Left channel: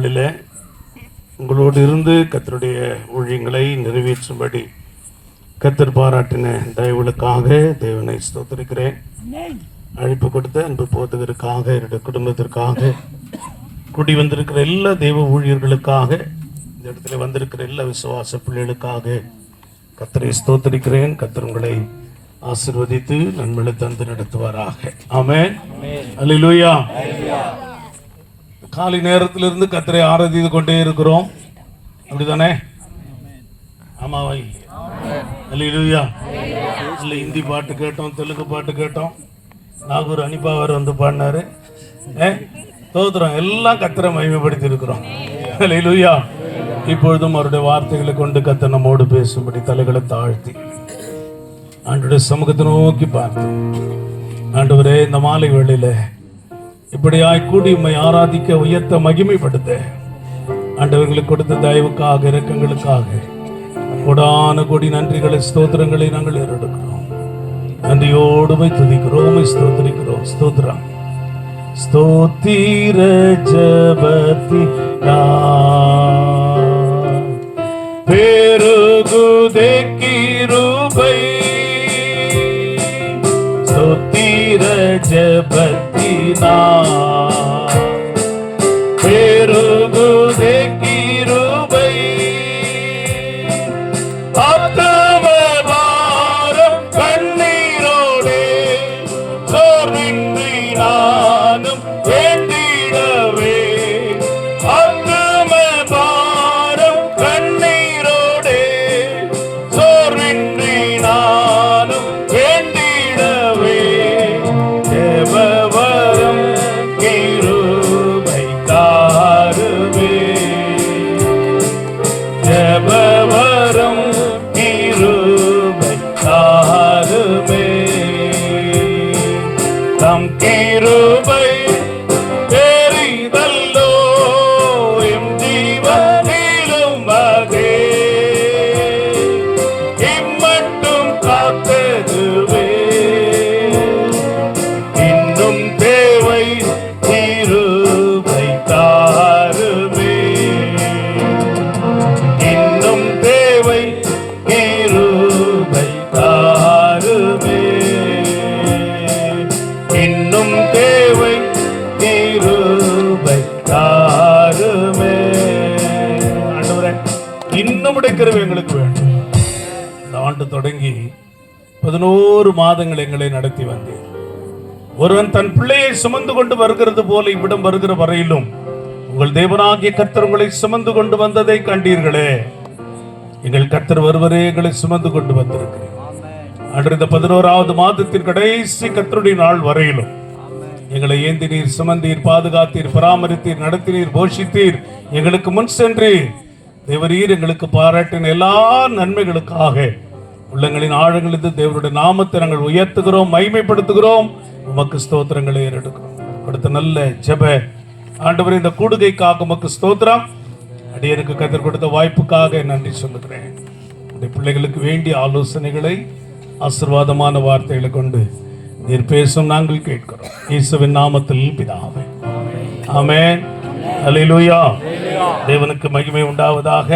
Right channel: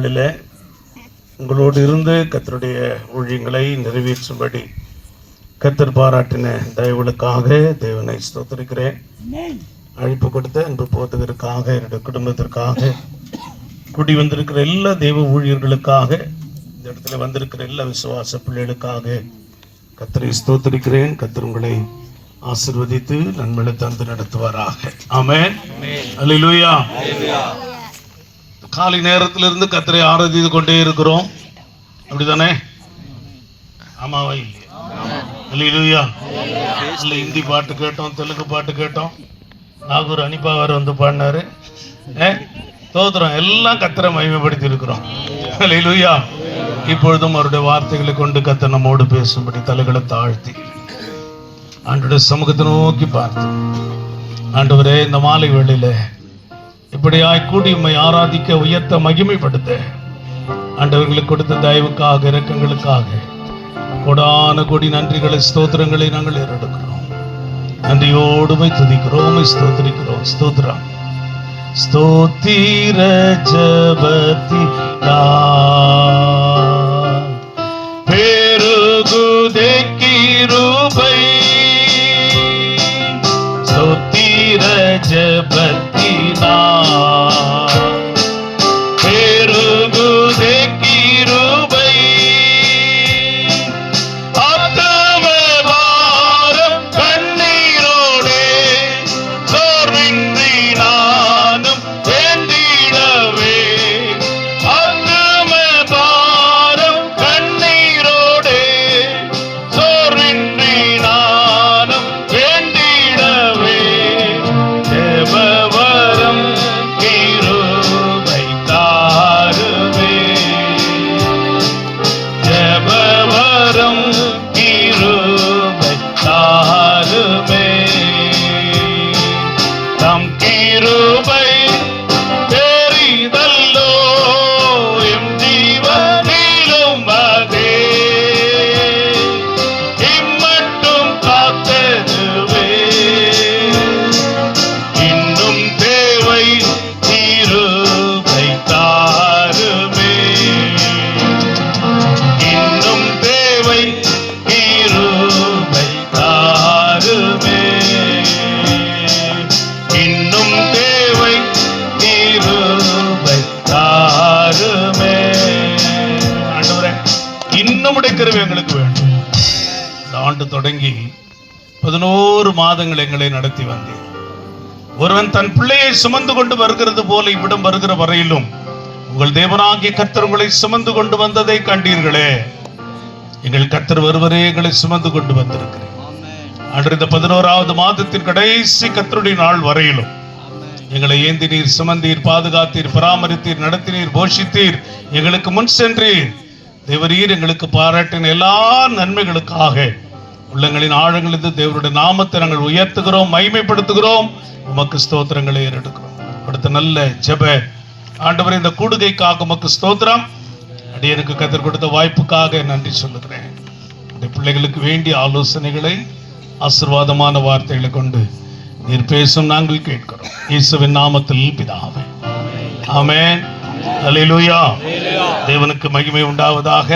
நாளில் உங்களோடு இருந்து கர்த்தருடைய ஊழியங்களை நிறைவேற்றும்படி கர்த்தர் பாராட்டின தயவுகளுக்காக தேவனை ஸ்தோத்திரிக்கிறேன். அழைப்பு கொடுத்த அன்பு போதகருக்காக, என்னுடைய குடும்பத்திற்காக, கூடி வந்திருக்கிற எல்லா தெய்வ ஊழியர்களுக்காக, இந்த இடத்துல வந்திருக்கிற எல்லா விசுவாச பிள்ளைகளுக்காக கர்த்தரை ஸ்தோத்திரிக்கிறேன். கர்த்தர் உங்களை ஆசீர்வதித்து நன்மையை தந்து நடத்துவாராக. ஆமென். அல்லேலூயா. காலை நேரத்திலிருந்து கர்த்தரை ஆராதித்து கொண்டே இருக்கிறோம், அப்படிதானே? ஆமாவா இல்லையா? அல்லேலூயா. இல்லை, ஹிந்தி பாட்டு கேட்டோம், தெலுங்கு பாட்டு கேட்டோம், நாகூர் அனிப்பா வேறு வந்து பாடினாரு. தோத்துறோம், எல்லாம் கர்த்தரை மகிமைப்படுத்தி இருக்கிறோம். அல்லேலூயா. இப்பொழுதும் அவருடைய வார்த்தைகளை கொண்டு கர்த்தர் நம்மோடு பேசும்படி தலைகளை தாழ்த்தி ஆண்டவருடைய சமூகத்தை நோக்கி பார்த்து, ஆண்டவரே, இந்த மாலை வேளையில இப்படியாய் கூடி உம்மை ஆராதிக்க, உயர்த்த, மகிமைப்படுத்த ஆண்டவர்களுக்கு கொடுத்த தயவுக்காக, இரக்கங்களுக்காக கொடான கொடி நன்றிகளை, ஸ்தோத்திரங்களை நாங்கள் ஏறெடுக்கிறோம். நன்றியோடுமை துதிக்கிறோம், ஸ்தோத்திரிக்கிறோம். ஸ்தோத்திரம். ஸ்தோத்திர ஜபத்திலா பெருகுதே கிருபை, ஸ்தோத்திர ஜபத்திலா பெருகுதே கிருபை, ஆத்மபாரம் கண்ணீரோடே சோர்வின்றி நானும் ஏந்திடவே, ஆத்மபாரம் கண்ணீரோடே சோர்வின்றி நானும் ஏந்திடவே, தேவவரம் கிருபை தாருவே, தேவவரம் கிருபை தாருவே, தம் கிருபை பெரிதல்லோ எம் ஜீவனிலும் அதே, இம்மட்டும் காத்ததுவே, இன்னும் தேவை கிருபை தாருமே, இன்னும் தேவை கிருபை தாருமே, இன்னும் தேவை கிருபை தாருமே. ஆண்டவரே, இன்னும் கிருபை எங்களுக்கு வேண்டும். இந்த ஆண்டு தொடங்கி 11 மாதங்கள் எங்களை நடத்தி வந்தேன். ஒருவன் தன் பிள்ளையை சுமந்து கொண்டு வருகிறது போல இவ்விடம் வருகிற வரையிலும் உங்கள் தேவனாகிய கர்த்தர் உங்களை சுமந்து கொண்டு வந்ததை கண்டீர்களே. எங்கள் கர்த்தர் ஒருவரே எங்களை சுமந்து கொண்டு வந்திருக்கிறேன். அன்று இந்த 11வது மாதத்தின் கடைசி கர்த்தருடைய நாள் வரையிலும் எங்களை ஏந்தினீர், சுமந்தீர், பாதுகாத்தீர், பராமரித்தீர், நடத்தினீர், போஷித்தீர், எங்களுக்கு முன் சென்றீர். தேவரீர் எங்களுக்கு பாராட்டின எல்லா நன்மைகளுக்காக உள்ளங்களின் ஆழங்களிலிருந்து தேவருடைய நாமத்தை நாங்கள் உயர்த்துகிறோம், மகிமைப்படுத்துகிறோம். உமக்கு ஸ்தோத்திரங்களை ஏறெடுக்கிறோம். அடுத்த நல்ல ஜெப ஆண்டவரே, இந்த கூடுகைக்காக உமக்கு ஸ்தோத்திரம். அடியனுக்கு கர்த்தர் கொடுத்த வாய்ப்புக்காக நன்றி சொல்லுகிறேன். இந்த பிள்ளைகளுக்கு வேண்டிய ஆலோசனைகளை, ஆசீர்வாதமான வார்த்தைகளை கொண்டு நீர் பேசும் நாங்கள் கேட்கிறோம். இயேசுவின் நாமத்தில் பிதாவே, ஆமென். அல்லேலூயா. தேவனுக்கு மகிமை உண்டாவதாக.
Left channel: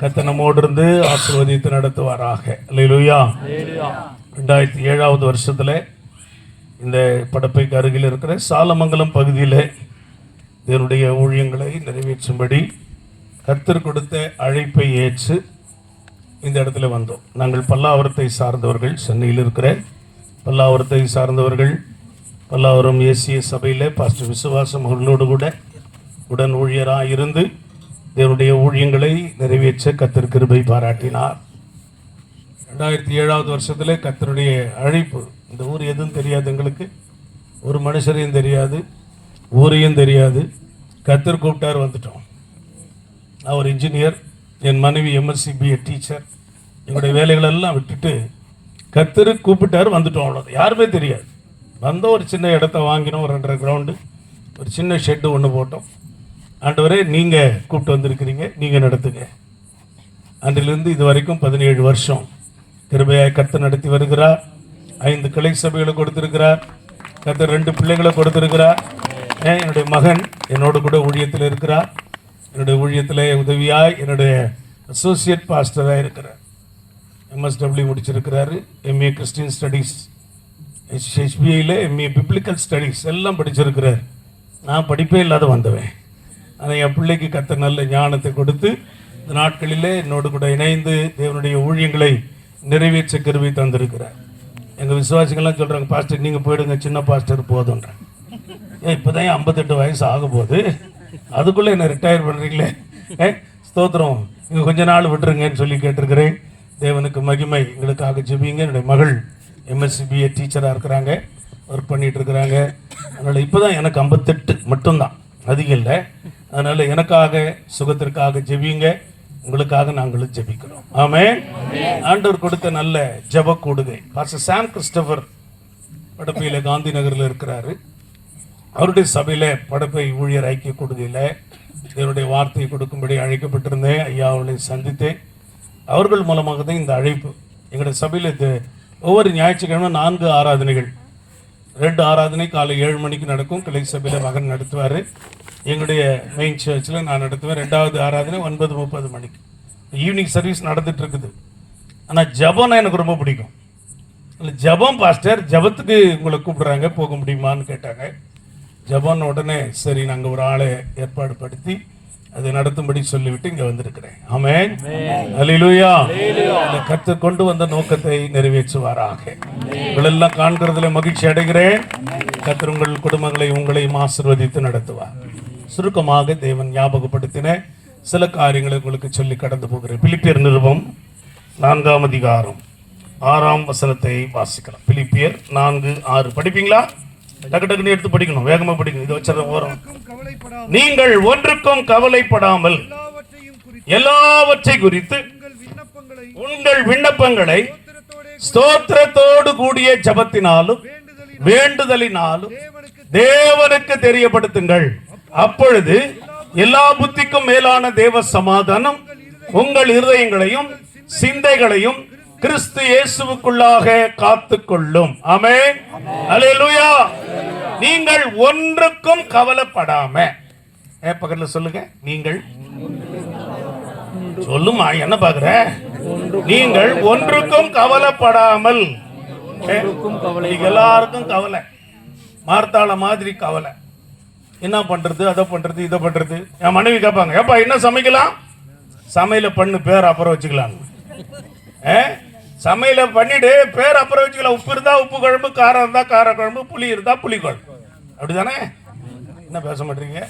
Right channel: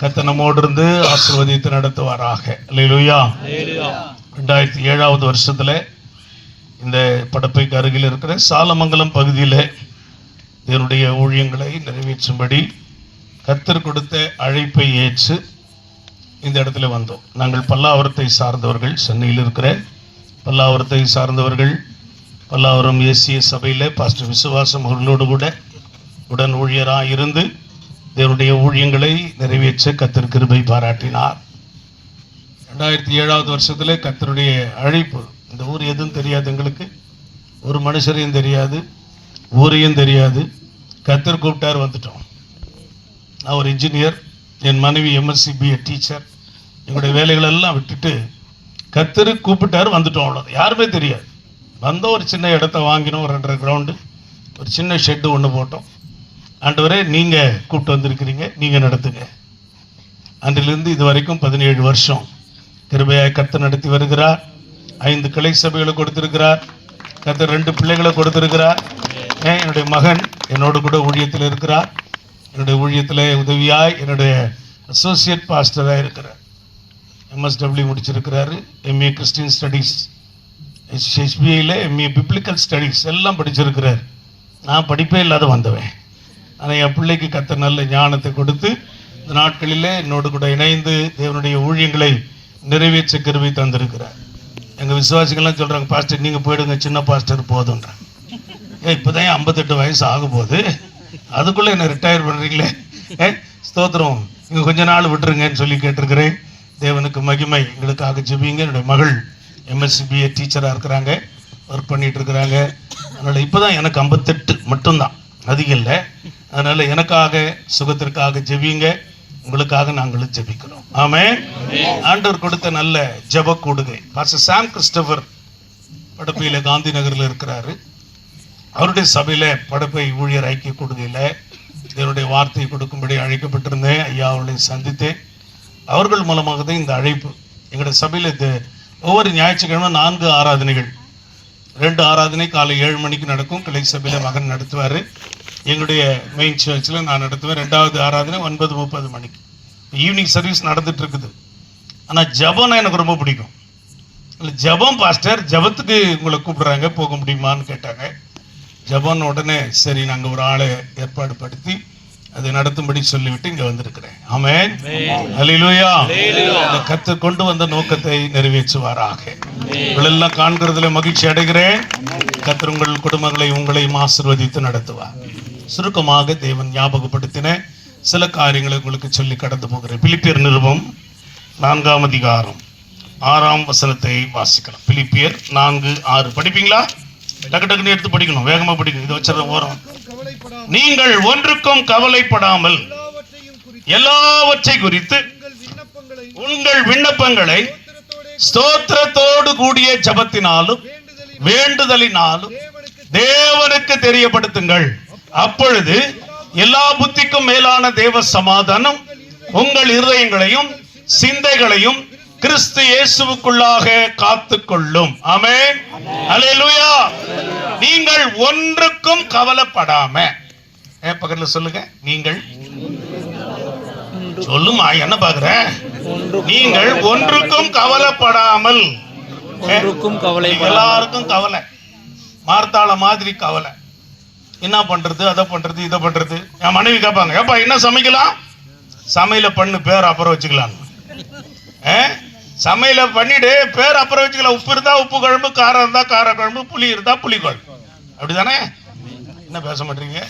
கர்த்தர் நம்மோடு இருந்து ஆசீர்வதித்து நடத்துவாராக. அல்லேலூயா. 2007வது வருஷத்துல இந்த படப்பைக்கு அருகில் இருக்கிற சாலமங்கலம் பகுதியில் இதனுடைய ஊழியங்களை நிறைவேற்றும்படி கர்த்தர் கொடுத்த அழைப்பை ஏற்று இந்த இடத்துல வந்தோம். நாங்கள் பல்லாவரத்தை சார்ந்தவர்கள், சென்னையில் இருக்கிற பல்லாவரத்தை சார்ந்தவர்கள். பல்லாவரம் ஏசிய சபையில் பாஸ்டர் விசுவாசம் அவர்களோடு கூட உடன் ஊழியராக இருந்து தேவனுடைய ஊழியங்களை நிறைவேற்ற கர்த்தர் கிருபை பாராட்டினார். 2007வது வருஷத்துல கர்த்தருடைய அழைப்பு. இந்த ஊர் எதுவும் தெரியாது எங்களுக்கு, ஒரு மனுஷரையும் தெரியாது, ஊரையும் தெரியாது. கர்த்தர் கூப்பிட்டார், வந்துட்டோம். நான் ஒரு இன்ஜினியர், என் மனைவி எம்எஸ்சி பிஏ டீச்சர். எங்களுடைய வேலைகளெல்லாம் விட்டுட்டு கர்த்தர் கூப்பிட்டார், வந்துட்டோம். அவ்வளோதான், யாருமே தெரியாது. வந்தோம், ஒரு சின்ன இடத்த வாங்கினோம், ஒரு 2.5 கிரவுண்டு, ஒரு சின்ன ஷெட்டு ஒன்று போட்டோம். ஆண்டவரே, நீங்கள் கூப்பிட்டு வந்திருக்கிறீங்க, நீங்கள் நடத்துங்க. அன்றிலிருந்து இது வரைக்கும் 17 வருஷம் கிருபையாய் கர்த்தர் நடத்தி வருகிறார். 5 கிளை சபைகளை கொடுத்திருக்கிறார். கர்த்தர் 2 பிள்ளைகளை கொடுத்திருக்கிறார். என்னுடைய மகன் என்னோடு கூட ஊழியத்தில் இருக்கிறார். என்னுடைய ஊழியத்தில் உதவியாய் என்னுடைய அசோசியேட் பாஸ்டராக இருக்கிறார். MSW முடிச்சிருக்கிறாரு. MA கிறிஸ்டியன் ஸ்டடீஸ், HBIயில் MA பிப்ளிக்கல் ஸ்டடீஸ் எல்லாம் படிச்சிருக்கிறார். நான் படிப்பே இல்லாத வந்தவன். ஆனால் என் பிள்ளைக்கு கர்த்தர் நல்ல ஞானத்தை கொடுத்து இந்த நாட்களில் என்னோடு கூட இணைந்து தேவனுடைய ஊழியங்களை நிறைவேற்ற கிருபை தந்திருக்கிறார். எங்கள் விசுவாசிகள்லாம் சொல்கிறாங்க, பாஸ்டர் நீங்கள் போயிடுங்க, சின்ன பாஸ்டர் போதுன்றாங்க. இப்போ தான் 58 வயசு ஆகும் போது அதுக்குள்ளே என்ன ரிட்டையர் பண்ணுறீங்களே, ஸ்தோத்திரம், இங்கே கொஞ்ச நாள் விட்டுருங்கன்னு சொல்லி கேட்டிருக்கிறேன். தேவனுக்கு மகிமை. எங்களுக்காக ஜெபிங்க. என்னுடைய மகள் MSCBA டீச்சராக இருக்கிறாங்க, ஒர்க் பண்ணிகிட்டு இருக்கிறாங்க. அதனால் இப்போ தான் எனக்கு 58 மட்டும்தான், அதிகம் இல்லை. அதனால் எனக்காக சுகத்திற்காக ஜெபிங்க. உங்களுக்காக நாங்களும் ஜெபிக்கிறோம். ஆமென். ஆண்டவர் கொடுத்த நல்ல ஜெப கூடுகை. பாஸ்டர் சாம் கிறிஸ்டோபர் படப்பையில் காந்தி நகரில் இருக்கிறாரு. அவருடைய சபையில் படப்பை ஊழியர் ஐக்கிய கூடுகையில் என்னுடைய வார்த்தையை கொடுக்கும்படி அழைக்கப்பட்டிருந்தேன். ஐயா அவர்களை சந்தித்தேன். அவர்கள் மூலமாக தான் இந்த அழைப்பு. எங்களுடைய சபையில் இது ஒவ்வொரு ஞாயிற்றுக்கிழமை 4 ஆராதனைகள், 2 ஆராதனை காலை 7 மணிக்கு நடக்கும். கிளை சபையில் மகன் நடத்துவார். எங்களுடைய மெயின் சர்ச்சில் நான் நடத்துவேன். 2வது ஆராதனை 9:30 மணிக்கு. ஈவினிங் சர்வீஸ் நடந்துட்டு இருக்குது. ஆனால் ஜபம்னா எனக்கு ரொம்ப பிடிக்கும். இல்லை ஜபம் பாஸ்டர், ஜபத்துக்கு உங்களை கூப்பிடுறாங்க, போக முடியுமான்னு கேட்டாங்க. ஜபம்னு உடனே சரி நாங்கள் ஒரு ஆளை ஏற்பாடு படுத்தி அதை நடத்தும்படி சொல்லிவிட்டு இங்கே வந்திருக்கிறேன். ஆமென். அல்லேலூயா. கர்த்தர் கொண்டு வந்த நோக்கத்தை நிறைவேற்றுவாராக. உங்களெல்லாம் காண்கிறதுல மகிழ்ச்சி அடைகிறேன். கர்த்தர் உங்கள் குடும்பங்களை உங்களையும் ஆசீர்வதித்து நடத்துவார். சுருக்கமாக தேவன் ஞாபகப்படுத்தின சில காரியங்களை உங்களுக்கு சொல்லி கடந்து போகிறேன். பிலிப்பியர் நிருபம் 4ஆம் அதிகாரம் 6ஆம் வசனத்தை வாசிக்கலாம். பிலிப்பியர் 4:6 படிப்பீங்களா? டக்கு டக்குன்னு எடுத்து படிக்கணும், வேகமா படிக்கணும். இது வச்சத ஓரம். நீங்கள் ஒன்றுக்கும் கவலைப்படாமல் எல்லாவற்றை குறித்து உங்கள் விண்ணப்பங்களை ஸ்தோத்திரத்தோடு கூடிய ஜபத்தினாலும் வேண்டுதலினாலும் தேவனுக்கு தெரியப்படுத்துங்கள். அப்பொழுது எல்லா புத்திக்கும் மேலான தேவ சமாதானம் உங்கள் இருதயங்களையும் சிந்தைகளையும் கிறிஸ்து இயேசுவுக்குள்ளாக காத்துக்கொள்ளும். ஆமென். அல்லேலூயா. நீங்கள் ஒன்றுக்கும் கவலைப்படாம, பக்கத்துல சொல்லுங்க, நீங்கள் சொல்லுமா, என்ன பாக்குற, நீங்கள் ஒன்றுக்கும் கவலைப்படாமல். எல்லாருக்கும் கவலை, மார்த்தாள மாதிரி கவலை. என்ன பண்றது, அதை பண்றது, இதை பண்றது. என் மனைவி கேட்பாங்க, ஏப்பா என்ன சமைக்கலாம்? சமையல பண்ணு, பேர் அப்புறம் வச்சுக்கலாம். சமையல பண்ணிட்டு பேர் அப்புறம் வச்சுக்கலாம். உப்பு இருந்தா உப்பு குழம்பு, காரம் இருந்தா கார குழம்பு, புளி இருந்தா புளி குழம்பு. அப்படிதானே? என்ன பேச மாட்டீங்க?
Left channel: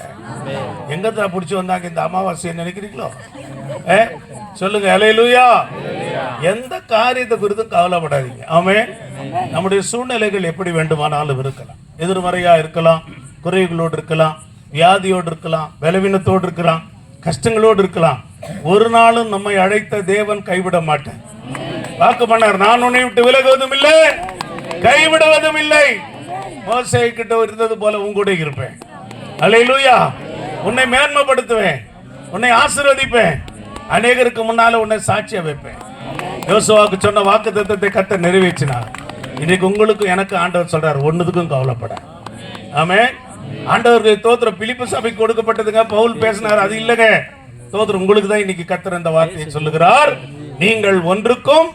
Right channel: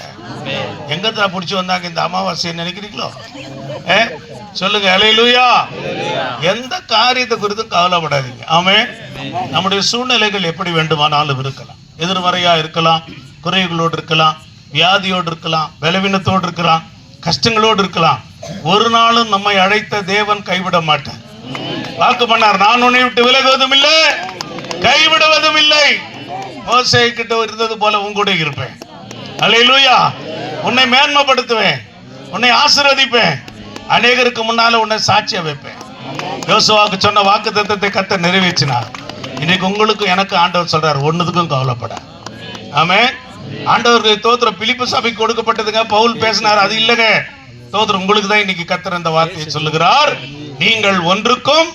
எங்கத்துல பிடிச்சி வந்தாங்க இந்த அமாவாசையை நினைக்கிறீங்களோ? சொல்லுங்க. அல்லேலூயா. எந்த காரியத்தை குறித்தும் கவலைப்படாதீங்க. ஆமென். நம்முடைய சூழ்நிலைகள் எப்படி வேண்டுமானாலும் இருக்கலாம். எதிர்மறையா இருக்கலாம், குறைகளோடு இருக்கலாம், வியாதியோடு இருக்கலாம், பலவீனத்தோடு இருக்கலாம், கஷ்டங்களோடு இருக்கலாம். ஒரு நாளும் நம்மை அழைத்த தேவன் கைவிட மாட்டார். வாக்கு பண்ணார், நான் உன்னை விட்டு விலகுவதும் இல்லை, கைவிடுவதும் இல்லை. மோசே கிட்ட இருந்தது போல உங்கூட இருப்பேன். அல்லேலூயா. உன்னை மேன்மைப்படுத்துவேன், உன்னை ஆசீர்வதிப்பேன், அநேகருக்கு முன்னால உன்னை சாட்சியா வைப்பேன். யோசுவாவுக்கு சொன்ன வாக்கு தத்தத்தை கர்த்தர் நிறைவேற்றினார். இன்னைக்கு உங்களுக்கு எனக்கு ஆண்டவர் சொல்றார், ஒன்னுக்கும் கவலைப்பட. ஆமென். ஆண்டவருக்கு தோத்திரம். பிலிப்பு சபைக்கு கொடுக்கப்பட்டதுங்க, பவுல் பேசினார், அது இல்லைங்க. தோத்திரம் உங்களுக்கு தான் இன்னைக்கு கர்த்தர் அந்த வார்த்தையை சொல்லுகிறார். நீங்கள் ஒன்றுக்கும்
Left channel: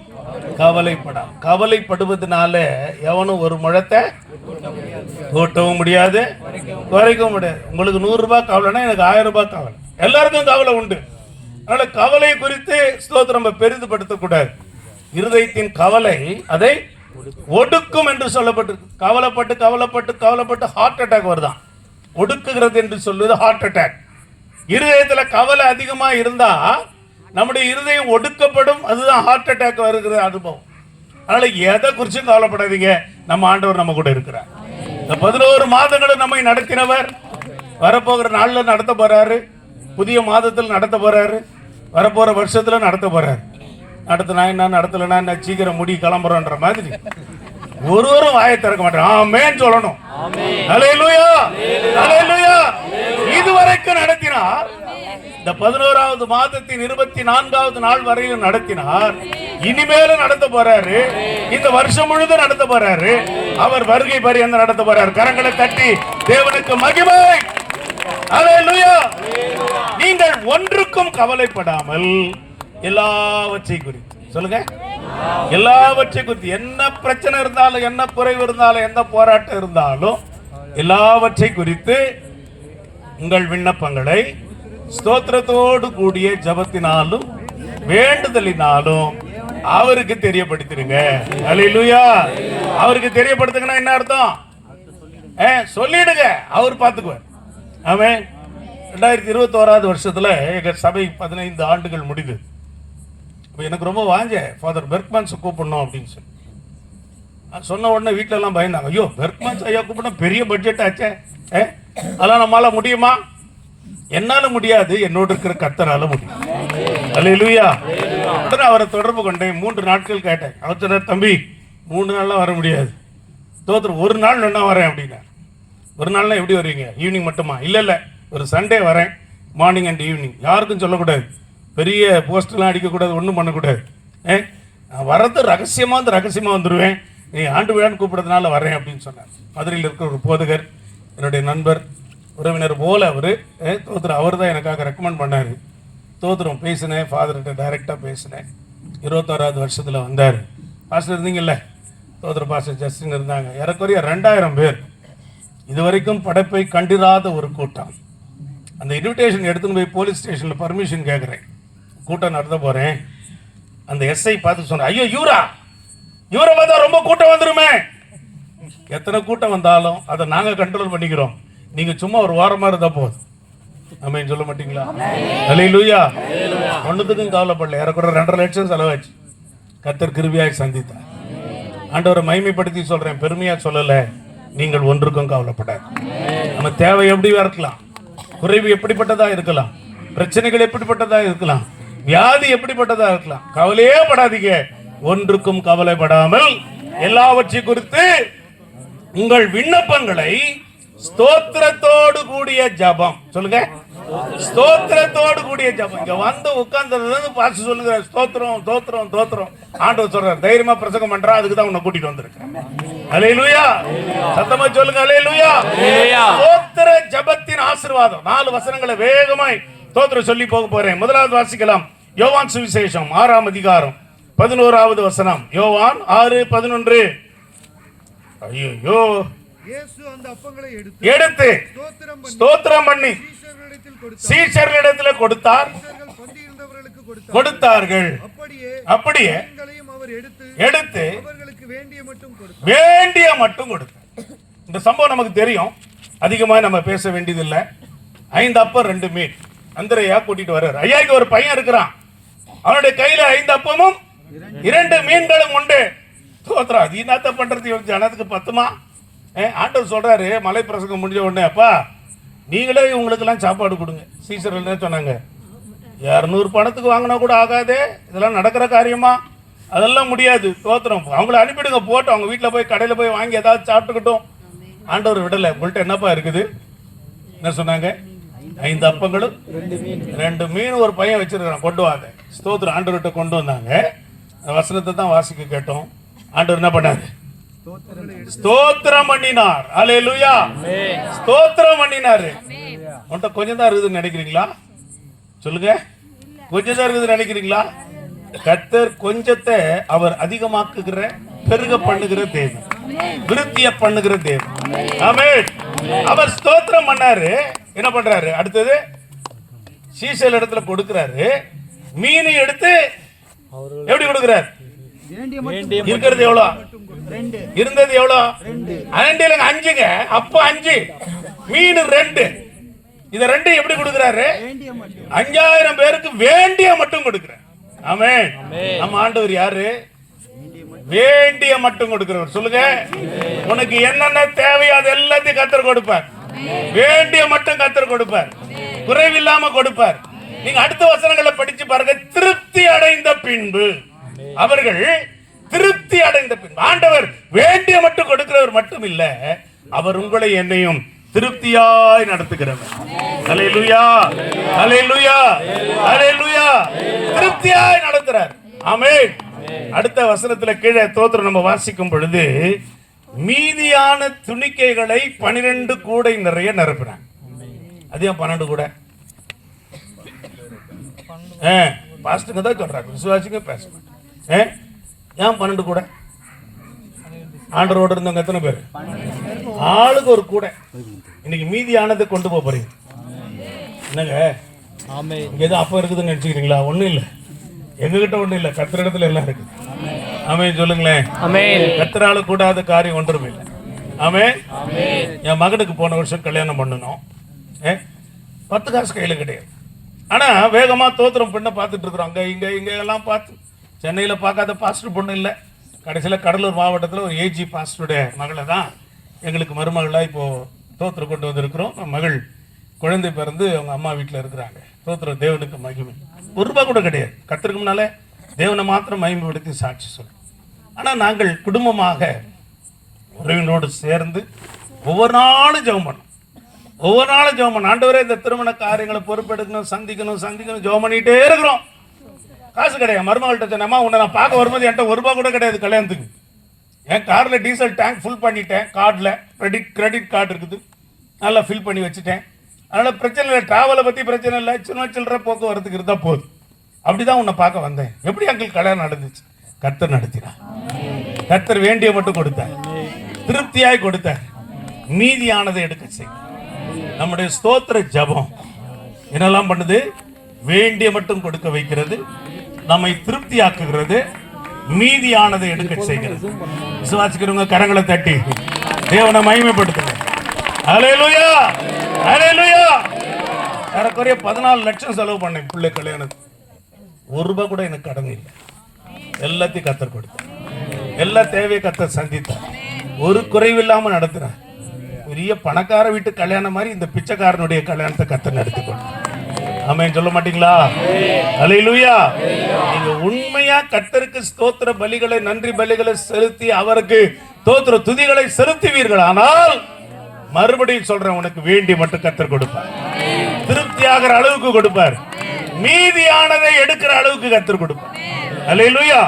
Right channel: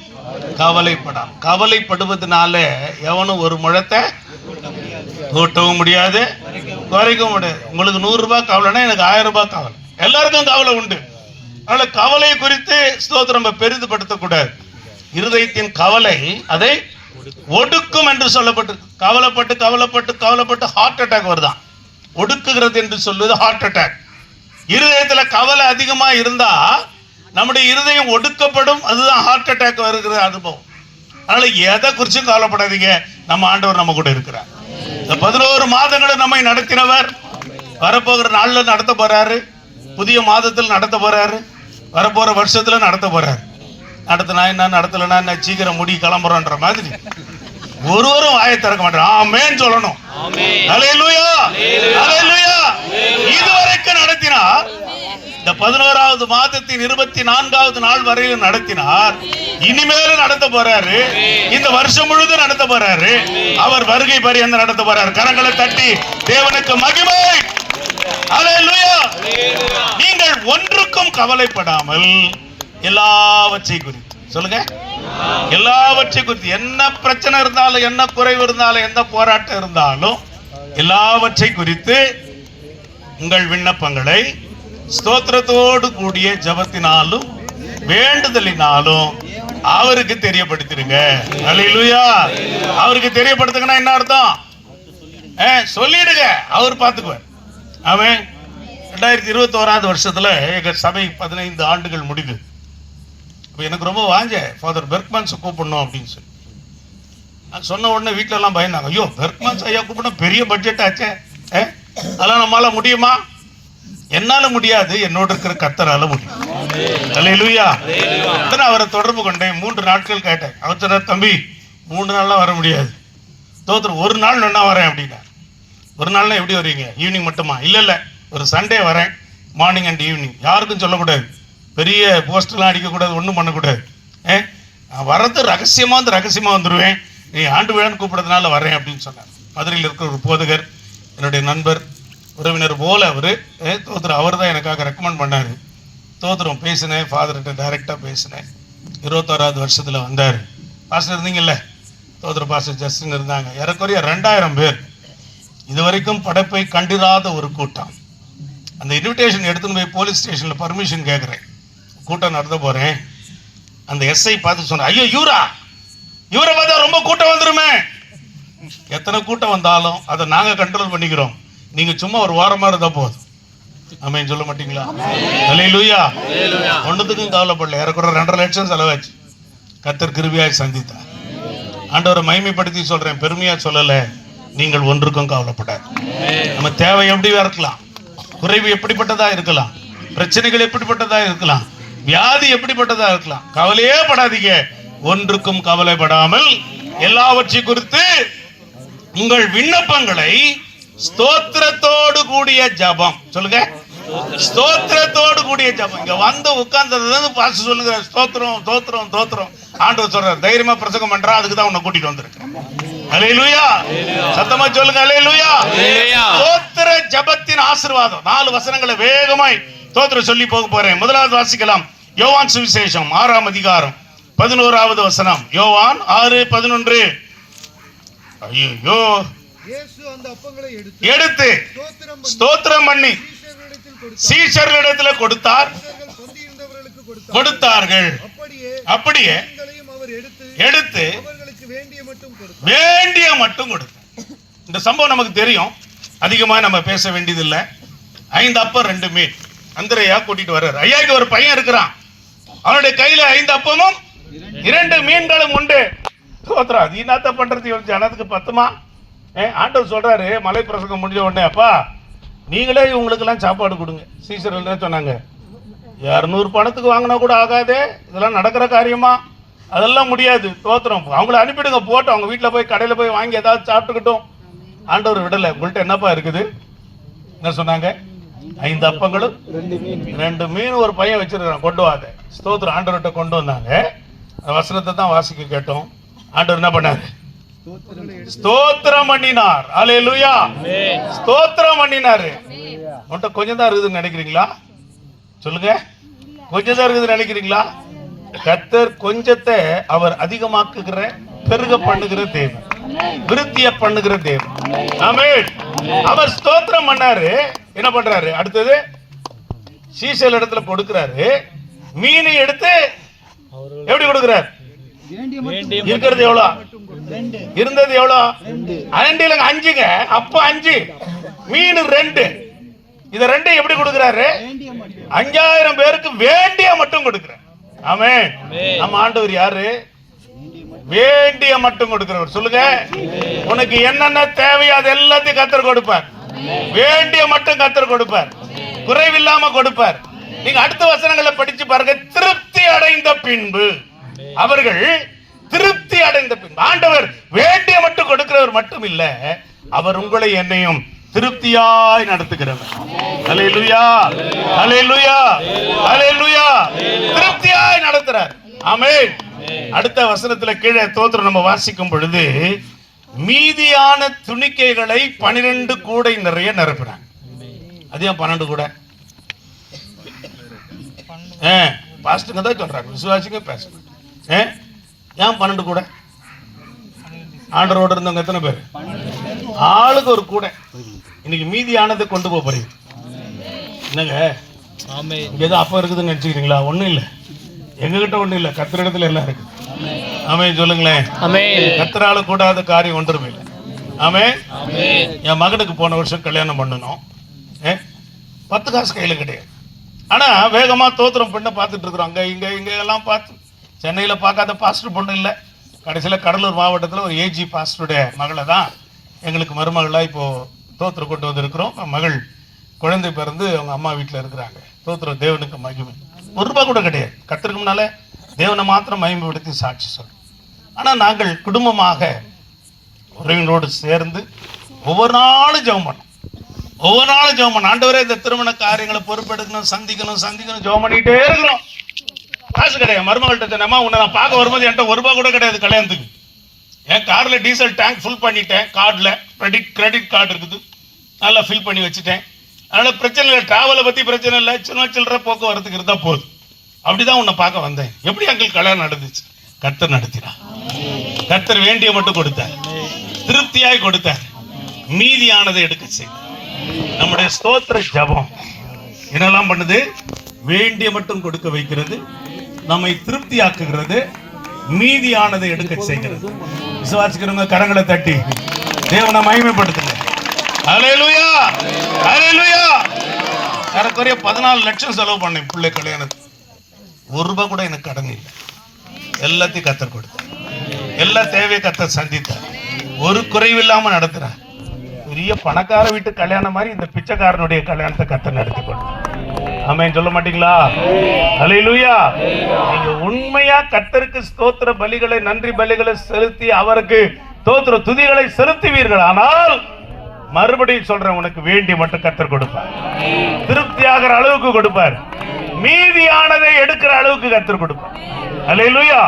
கவலைப்படாம். கவலைப்படுவதனால எவனும் ஒரு முழத்தை கூட்டவும் முடியாது, குறைக்கவும் முடியாது. உங்களுக்கு 100 ரூபாய் கவலைன்னா எனக்கு 1000 ரூபாய் கவலை. எல்லாருக்கும் கவலை உண்டு. அதனால கவலை குறித்து ஸ்தோத்திரம் பெரிதுபடுத்தக்கூடாது. இருதயத்தின் கவலை அதை ஒடுக்கும் என்று சொல்லப்பட்டு, கவலைப்பட்டு கவலைப்பட்டு கவலைப்பட்டு ஹார்ட் அட்டாக் வருதான். ஒடுக்குகிறது என்று சொல்வது ஹார்ட் அட்டாக். இருதயத்துல கவலை அதிகமா இருந்தா நம்முடைய இருதயம் ஒடுக்கப்படும். அதுதான் ஹார்ட் அட்டாக் வருகிற அனுபவம். அதனால எதை குறிச்சும் கவலைப்படாதீங்க. நம்ம ஆண்டவர் நம்ம கூட இருக்கிறார். இந்த 11 மாதங்களும் நம்மை நடத்தினவர் வரப்போகிற நாள்ல நடத்த போறாரு. புதிய மாதத்தில் நடத்த போறாரு. வரப்போற வருஷத்துல நடத்த போறாரு. நடத்தினா என்ன, நடத்தலைன்னா என்ன, சீக்கிரம் முடி கிளம்புறோன்ற மாதிரி ஒருவரும் வாயை திறக்க மாட்டான். ஆமென் சொல்லணும். அல்லேலூயா. அல்லேலூயா. இதுவரைக்கும் நடத்தினார். இந்த 11வது மாதத்தின் 24வது நாள் வரையிலும் நடத்தினார். இனிமேலும் நடத்த போறாரு. இந்த வருஷம் முழுதும் நடத்த போறாரு. அவர் வருகை பரியந்தம் நடத்த போறாரு. கரங்களை தட்டி தேவனுக்கு மகிமை. அல்லேலூயா. நீங்கள் ஒன்றுக்கும் கவலைப்படாமல் எல்லாவற்றை குறித்து சொல்லுங்க, எல்லாவற்றை குறித்து. என்ன பிரச்சனை இருந்தாலும், என்ன குறைவு இருந்தாலும், எந்த போராட்டம் இருந்தாலும் எல்லாவற்றை குறித்து உங்கள் விண்ணப்பங்களை ஸ்தோத்திரத்தோடு கூடிய ஜெபத்தினாலும் வேண்டுதலினாலும் அவருக்கு தெரியப்படுத்திடுங்க. அல்லேலூயா. அவருக்கு தெரியப்படுத்துங்கன்னா என்ன அர்த்தம்? சொல்லிடுங்க, அவர் பார்த்துக்குவார். ஆமென். 2021 வருஷத்துல எங்க சபை 15 ஆண்டுகள் முடிவு. எனக்கு ரொம்ப வாஞ்ச ஃபாதர் பெர்க்மன்ஸ் கூப்பிடணும் அப்படின்னு சொல்லி நான் சொன்ன உடனே வீட்டில எல்லாம் பயந்தாங்க. ஐயோ, பெர்க்மன்ஸ் ஐயா கூப்பிடணும், பெரிய பட்ஜெட் ஆச்சே, அதெல்லாம் நம்மளால முடியுமா? என்னால முடியாது, என்னோட இருக்கிற கர்த்தரால முடியும். அல்லேலூயா. அவரை தொடர்பு கொண்டேன். 3 நாட்கள் கேட்டேன். அவர் சொன்னார், தம்பி 3 நாள்லாம் வர முடியாது, தோத்துரு ஒரு நாள் வேணா வரேன் அப்படின்னா. ஒரு நாள்னா எப்படி வருவீங்க? ஈவினிங் மட்டுமா? இல்லை, ஒரு சண்டே வரேன், மார்னிங் அண்ட் ஈவினிங். யாருக்கும் சொல்லக்கூடாது, பெரிய போஸ்டர்லாம் அடிக்கக்கூடாது, ஒன்றும் பண்ணக்கூடாது. நான் வர்றது ரகசியமாக வந்துடுவேன், நீ ஆண்டு விழான்னு கூப்பிடுறதுனால வரேன் அப்படின்னு சொன்னார். மதுரையில் இருக்கிற ஒரு போதகர், என்னுடைய நண்பர், உறவினர் போல அவர். தோத்திரம் அவர் தான் எனக்காக ரெக்கமெண்ட் பண்ணார். தோத்திரம் பேசினேன், ஃபாதர்கிட்ட டைரெக்டாக பேசினேன். 21வது வருஷத்தில் வந்தார். பாஸ்டர் இருந்தீங்கல்ல, தோத்திர பாஸ்டர் ஜஸ்டின் இருந்தாங்க. ஏறக்குறைய 2000 பேர். இதுவரைக்கும் படைப்பை கண்டிராத ஒரு கூட்டம். அந்த இன்விடேஷன் எடுத்துன்னு போய் போலீஸ் ஸ்டேஷனில் பர்மிஷன் கேட்குறேன், கூட்டம் நடத்த போகிறேன். அந்த எஸ்ஐ பார்த்து சொன்னேன், ஐயோ இவரை பார்த்தா ரொம்ப கூட்டம் வந்துருமே. எத்தனை கூட்டம் வந்தாலும் அதை நாங்கள் கண்ட்ரோல் பண்ணிக்கிறோம், நீங்கள் சும்மா ஒரு வாரமாக இருந்தால் போதும். ஆமென் சொல்ல மாட்டீங்களா? அல்லேலூயா. ஒன்றுத்துக்கும் கவலைப்படல. ஏறக்குற 2.5 லட்சம் செலவாச்சு. கர்த்தர் கிருபையாய் சந்தித்தார். ஆண்டவரை மகிமைப்படுத்தி சொல்றேன், பெருமையா சொல்லல. நீங்கள் ஒன்றுக்கும் கவலைப்படாது. நம்ம தேவை எப்படி இருக்கலாம், குறைவு எப்படிப்பட்டதா இருக்கலாம், பிரச்சனைகள் எப்படிப்பட்டதா இருக்கலாம், வியாதி எப்படிப்பட்டதா இருக்கலாம், கவலையே படாதீங்க. ஒன்றுக்கும் கவலைப்படாமல் எல்லாவற்றை குறித்து உங்கள் விண்ணப்பங்களை ஸ்தோத்திரத்தோடு கூடிய ஜெபம், சொல்லுங்க, ஸ்தோத்திரத்தோடு கூடிய ஜெபம். இங்க வந்து உட்கார்ந்தது பாஸ்டர் சொல்லுங்க, ஸ்தோத்திரம் ஸ்தோத்திரம் ஸ்தோத்திரம். ஆண்டவர் சொல்றார், தைரியமா பிரசங்கம் பண்றா, அதுக்கு தான் உன்னை கூட்டிட்டு வந்திருக்கேன். அல்லேலூயா. சத்தமா சொல்லுங்க, அல்லேலூயா. ஸ்தோத்திர ஜெபத்தின் ஆசீர்வாதம். 4 வசனங்களை வேகமாய் ஸ்தோத்திரம் சொல்லி போக போறேன். முதலாவது வாசிக்கலாம், யோவான் சுவிசேஷம் 6ஆம் அதிகாரம் 11வது வசனம். யோவான் 6:11. ஐயோ, இயேசு அந்த அப்பங்களை எடுத்து ஸ்தோத்திரம் பண்ணி சீஷர்களிடத்தில் கொடுத்தார், கொடுத்தார்கள். அப்படியே எடுத்து வேண்டிய மட்டும் கொடுத்தார். இந்த சம்பவம் நமக்கு தெரியும், அதிகமா நம்ம பேச வேண்டியதில்லை. 5 அப்பம் 2 மீன். அந்திரையா கூட்டிட்டு வர்றாரு. ஐயாக்கு ஒரு பையன் இருக்கிறான், அவனுடைய கையில 5 அப்பமும் 2 மீன்களும் உண்டு. ஸ்தோத்திரம். அது என்னத்த பண்றது, ஜனத்துக்கு பத்துமா? ஆண்டவர் சொல்றாரு, மலை பிரசங்கம் முடிஞ்ச உடனே, அப்பா நீங்களே இவங்களுக்கெல்லாம் சாப்பாடு கொடுங்க. சீசர்கள் சொன்னாங்க, 200 பணத்துக்கு வாங்கினா கூட ஆகாதே, இதெல்லாம் நடக்கிற காரியமா? அதெல்லாம் முடியாது. ஸ்தோத்திரம். அவங்கள அனுப்பிடுங்க, போட்டு அவங்க வீட்டில் போய் கடையில் போய் வாங்கி ஏதாவது சாப்பிட்டுக்கிட்டோம். ஆண்டவர் விடலை. உங்கள்கிட்ட என்னப்பா இருக்குது? என்ன சொன்னாங்க? 5 அப்பங்களும் 2 மீன் ஒரு பையன் வச்சிருக்கான், கொண்டு வாங்க. ஸ்தோத்திரம். ஆண்டவர்கிட்ட கொண்டு வந்தாங்க. வசனத்தை தான் வாசிக்க கேட்டோம். ஆண்டவர் என்ன பண்ணாரு? ஸ்தோத்திரம் பண்ணினார். அல்லேலூயா. ஸ்தோத்திரம் பண்ணினாரு. உன்கிட்ட கொஞ்சம் தான் இருக்குதுன்னு நினைக்கிறீங்களா? சொல்லுங்க, கொஞ்சம் தான் இருக்குதுன்னு நினைக்கிறீங்களா? கர்த்தர் கொஞ்சத்தை அவர் அதிகமாக்குகிற, பெருக பண்ணுகிற தேவன், விருத்திய பண்ணுகிற தேவன். ஆமென். அவர் ஸ்தோத்திரம் பண்ணாரு. என்ன பண்றாரு? அடுத்தது சீசல் இடத்துல கொடுக்கிறாரு. மீனை எடுத்து எப்படி கொடுக்கிறார்? இருக்கிறது எவ்வளோ? இருந்தது எவ்வளோ? 5ங்க. அப்ப 5 மீன் 2. இத 2 எப்படி கொடுக்கிறாரு? 5000 பேருக்கு வேண்டிய மட்டும் கொடுக்கிறார். ஆமென். நம்ம ஆண்டவர் யாரு? வேண்டிய மட்டும் கொடுக்கிறவர். சொல்லுங்க, உனக்கு என்னென்ன தேவையோ அது எல்லாத்தையும் கர்த்தர் கொடுப்பார். வேண்டிய மட்டும் கர்த்தர் கொடுப்பார், குறைவில்லாம கொடுப்பார். நீங்க அடுத்த வசனங்களை படிச்சு பாருங்க. திருப்தி அடைந்த பின்பு, அவர்கள் திருப்தி அடைந்த பின்பு, ஆண்டவர் வேண்டிய மட்டும் கொடுக்கிறவர் மட்டும் இல்ல, அவர் உங்களை என்னையும் திருப்தியாய் நடத்துகிறவர். அல்லேலூயா, அல்லேலூயா, அல்லேலூயா. திருப்தியாய் நடத்துறார். ஆமென். அடுத்த வசனத்துல கீழே தோத்திரம் நம்ம வாசிக்கும் பொழுது, மீதியான துணிக்கைகளை 12 கூடை நிறைய நிரப்பினாங்க. அது ஏன் 12 கூடை? பாஸ்டுங்க தான் சொல்றாங்க, விசுவாசிங்க பேச மாட்டேன். ஏன் 12 கூட? ஆண்டரோடு இருந்தவங்க எத்தனை பேர்? ஆளுக்கு ஒரு கூட. இன்னைக்கு மீதியானதை கொண்டு போக போறீங்க. என்னங்க இங்க ஏதோ அப்ப இருக்குதுன்னு நினைச்சுக்கிறீங்களா? ஒண்ணும் இல்லை, எங்ககிட்ட ஒண்ணும் இல்லை, கத்திர இடத்துல எல்லாம் இருக்கு. ஆமென் சொல்லுங்களேன். கத்திரால கூடாத காரியம் ஒன்றுமே இல்லை. ஆமென். என் மகனுக்கு போன வருஷம் கல்யாணம் பண்ணணும். 10 காசு கையில கிடையாது. ஆனா வேகமா தோத்திரம் பெண்ணை பார்த்துட்டு இருக்கிறோம். அங்க இங்க இங்க எல்லாம் பார்த்து சென்னையில பார்க்காத பாஸ்டர் பொண்ணு இல்லை. கடைசியில் கடலூர் மாவட்டத்தில் ஒரு ஏஜி பாஸ்டருடைய மகளை தான் எங்களுக்கு மருமகளாக இப்போ தோத்திரம் கொண்டு வந்திருக்கிறோம். மகள் குழந்தை பிறந்து அவங்க அம்மா வீட்டில் இருக்கிறாங்க. தோத்திரம் தேவனுக்கு மகிமை. ₹1 கூட கிடையாது. கத்திற்கு முன்னால தேவனை மாத்திரம் மகிமைப்படுத்தி சாட்சி சொல்லும். ஆனால் நாங்கள் குடும்பமாக உறவினரோடு சேர்ந்து ஒவ்வொரு நாளும் ஜெபம் பண்ணோம். ஒவ்வொரு நாளும் ஜெபம் பண்ணோம். ஆண்டவரே இந்த திருமண காரியங்களை பொறுப்பெடுக்கணும், சந்திக்கணும் ஜெபம் பண்ணிட்டே இருக்கிறோம். காசு கிடையாது. மருமகள்கிட்ட சொன்னேம்மா, உன்னை நான் பார்க்க வரும்போது என்கிட்ட ₹1 கூட கிடையாது கல்யாணத்துக்கு. என் காரில் டீசல் டேங்க் ஃபுல் பண்ணிட்டேன். கார்டில் கிரெடிட் கார்டு இருக்குது, நல்லா ஃபில் பண்ணி வச்சுட்டேன். அதனால் பிரச்சனை இல்லை, ட்ராவலை பற்றி பிரச்சனை இல்லை, சின்ன சில்லற போக்குவரத்துக்கு இருந்தால் போதும். அப்படிதான் உன்னை பார்க்க வந்தேன். எப்படி எங்களுக்கு கல்யாணம் நடந்துச்சு? கர்த்தர் நடத்தினா. கர்த்தர் வேண்டிய மட்டும் கொடுத்தார், திருப்தியாய் கொடுத்தார், மீதியானதை எடுக்க செய்தார். நம்முடைய ஸ்தோத்திர ஜெபம் என்னெல்லாம் பண்ணுது? வேண்டிய மட்டும் கொடுக்க வைக்கிறது, நம்மை திருப்தியாக்குகிறது, மீதியானதை எடுக்க செய்கிறது. விசுவாசிக்கிறவங்க கரங்களை தட்டி தேவனை மகிமைப்படுத்துங்க. ஹல்லேலூயா, ஹல்லேலூயா. ஏறக்குறைய 14 லட்சம் செலவு பண்ணேன் பிள்ளை கல்யாணத்துக்கு. ₹1 கூட எனக்கு கடன் இல்லை. எல்லாத்தையும் கர்த்தர் கொடுத்தார். எல்லா தேவையை கர்த்தர் சந்தித்தார். ஒரு குறைவில்லாம நடத்துறார். பெரிய பணக்கார வீட்டு கல்யாணம் மாதிரி இந்த பிச்சைக்காரனுடைய கல்யாணத்தை கர்த்தர் நடத்தி கொடுத்தார். ஆமென் சொல்ல மாட்டீங்களா? ஹல்லேலூயா. நீங்க உண்மையா கர்த்தருக்கு ஸ்தோத்திர பலிகளை, நன்றி பலிகளை செலுத்தி அவருக்கு ஸ்தோத்திர துதிகளை செலுத்துவீர்கள். ஆனால் மறுபடியும் சொல்றேன், உனக்கு வேண்டி மட்டும் கர்த்தர் கொடுப்பார். திருப்தியாகிற அளவுக்கு கொடுப்பார், மீதியானதை எடுக்கிற அளவுக்கு கர்த்தர் கொடுப்பார். ஹல்லேலூயா.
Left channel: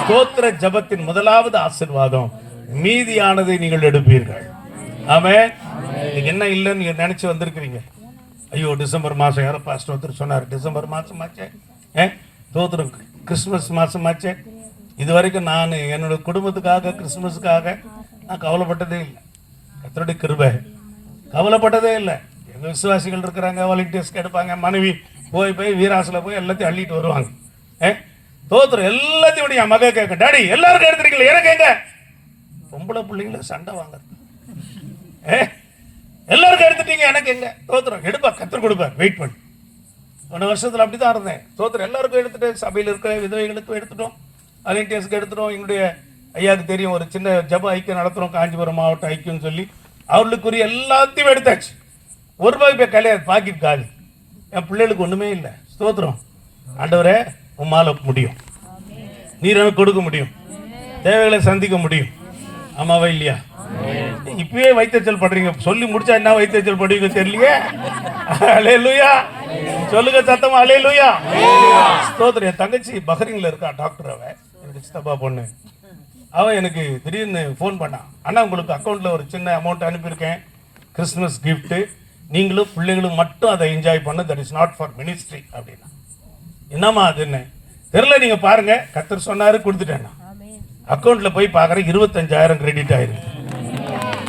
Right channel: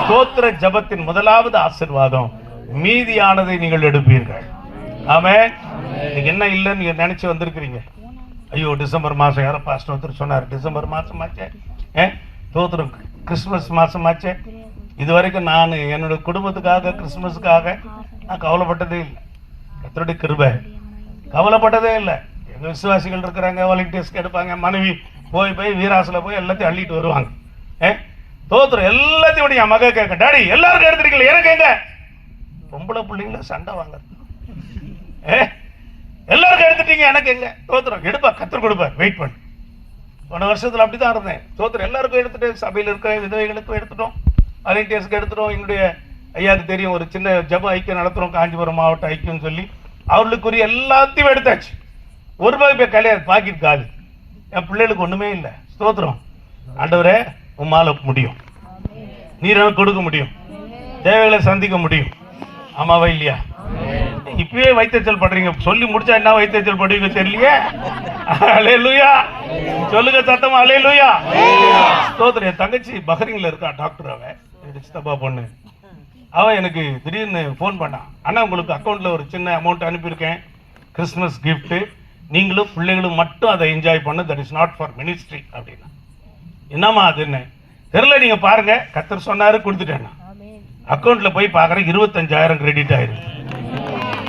ஸ்தோத்திர ஜெபத்தின் முதலாவது ஆசீர்வாதம், மீதியானதை நீங்கள் எடுப்பீர்கள். ஆமென். நீங்க என்ன இல்லைன்னு நீங்க நினைச்சு வந்திருக்கிறீங்க. ஐயோ டிசம்பர் மாதம் யாரோ பாஸ்டர் ஒருத்தர் சொன்னார், டிசம்பர் மாதம் ஆச்சே, தோத்திரம் கிறிஸ்துமஸ் மாதம் ஆச்சே. இது வரைக்கும் நான் என்னோட குடும்பத்துக்காக கிறிஸ்துமஸுக்காக நான் கவலைப்பட்டதே இல்லை. கர்த்தருடைய கிருபை, கவலைப்பட்டதே இல்லை. எங்கள் விசுவாசிகள் இருக்கிறாங்க, வாலண்டியர்ஸ்க்கு எடுப்பாங்க. மனைவி போய் வீராசில் போய் எல்லாத்தையும் அள்ளிட்டு வருவாங்க. தோத்திரம் எல்லாத்தையும் விட என் மக கேட்க, டாடி எல்லாருக்கும் எடுத்துருக்கீங்களா, எனக்கு எங்க? பொம்பளை பிள்ளைங்கள சண்டை வாங்க, எல்லாருக்கும் எடுத்துட்டீங்க, எனக்கு எங்க? தோத்திரம் எடுப்பா, கர்த்தர் கொடுப்பார், வெயிட் பண்ணு. போன வருஷத்துல அப்படிதான் இருந்தேன். தோத்திரம் எல்லாருக்கும் எடுத்துட்டு, சபையில் இருக்கிற விதவைகளுக்கும் எடுத்துட்டோம், வாலண்டியர்ஸ்க்கு எடுத்துட்டோம். எங்களுடைய ஐயாவுக்கு தெரியும், ஒரு சின்ன ஜெப ஐக்கியம் நடத்துறோம், காஞ்சிபுரம் மாவட்ட ஐக்கியம் சொல்லி, அவர்களுக்குரிய எல்லாத்தையும் எடுத்தாச்சு. ₹1 கல்யாணம், பாக்கெட் காலி. என் பிள்ளைகளுக்கு ஒண்ணுமே இல்லை. ஸ்தோத்திரம். ஆண்டவரே உம்மால முடியும், நீர் எனக்கு கொடுக்க முடியும், தேவைகளை சந்திக்க முடியும். ஆமாவா இல்லையா? இப்பவே வைத்தறிச்சல் படுறீங்க, சொல்லி முடிச்சா என்ன வைத்தறிச்சல் படுவீங்க தெரியலையே. ஹல்லேலூயா சொல்லுங்க சத்தமா, ஹல்லேலூயா. ஸ்தோத்திரம். என் தங்கச்சி பஹ்ரைன்ல இருக்கா, டாக்டர். அவ என்னுடைய சித்தப்பா பொண்ணு. அவன் எனக்கு திடீர்னு ஃபோன் பண்ணான், அண்ணா உங்களுக்கு அக்கௌண்ட்ல ஒரு சின்ன அமௌண்ட் அனுப்பியிருக்கேன், கிறிஸ்துமஸ் கிஃப்ட், நீங்களும் பிள்ளைகளும் மட்டும் அதை என்ஜாய் பண்ண, that is not for ministry அப்படின்னா. என்னம்மா அதுன்னு தெரியல, நீங்க பாருங்க, கர்த்தர் சொன்னாரு, கொடுத்துட்டேன். அக்கௌண்ட்ல போய் பார்க்கறேன், 25,000 கிரெடிட் ஆயிருக்கு.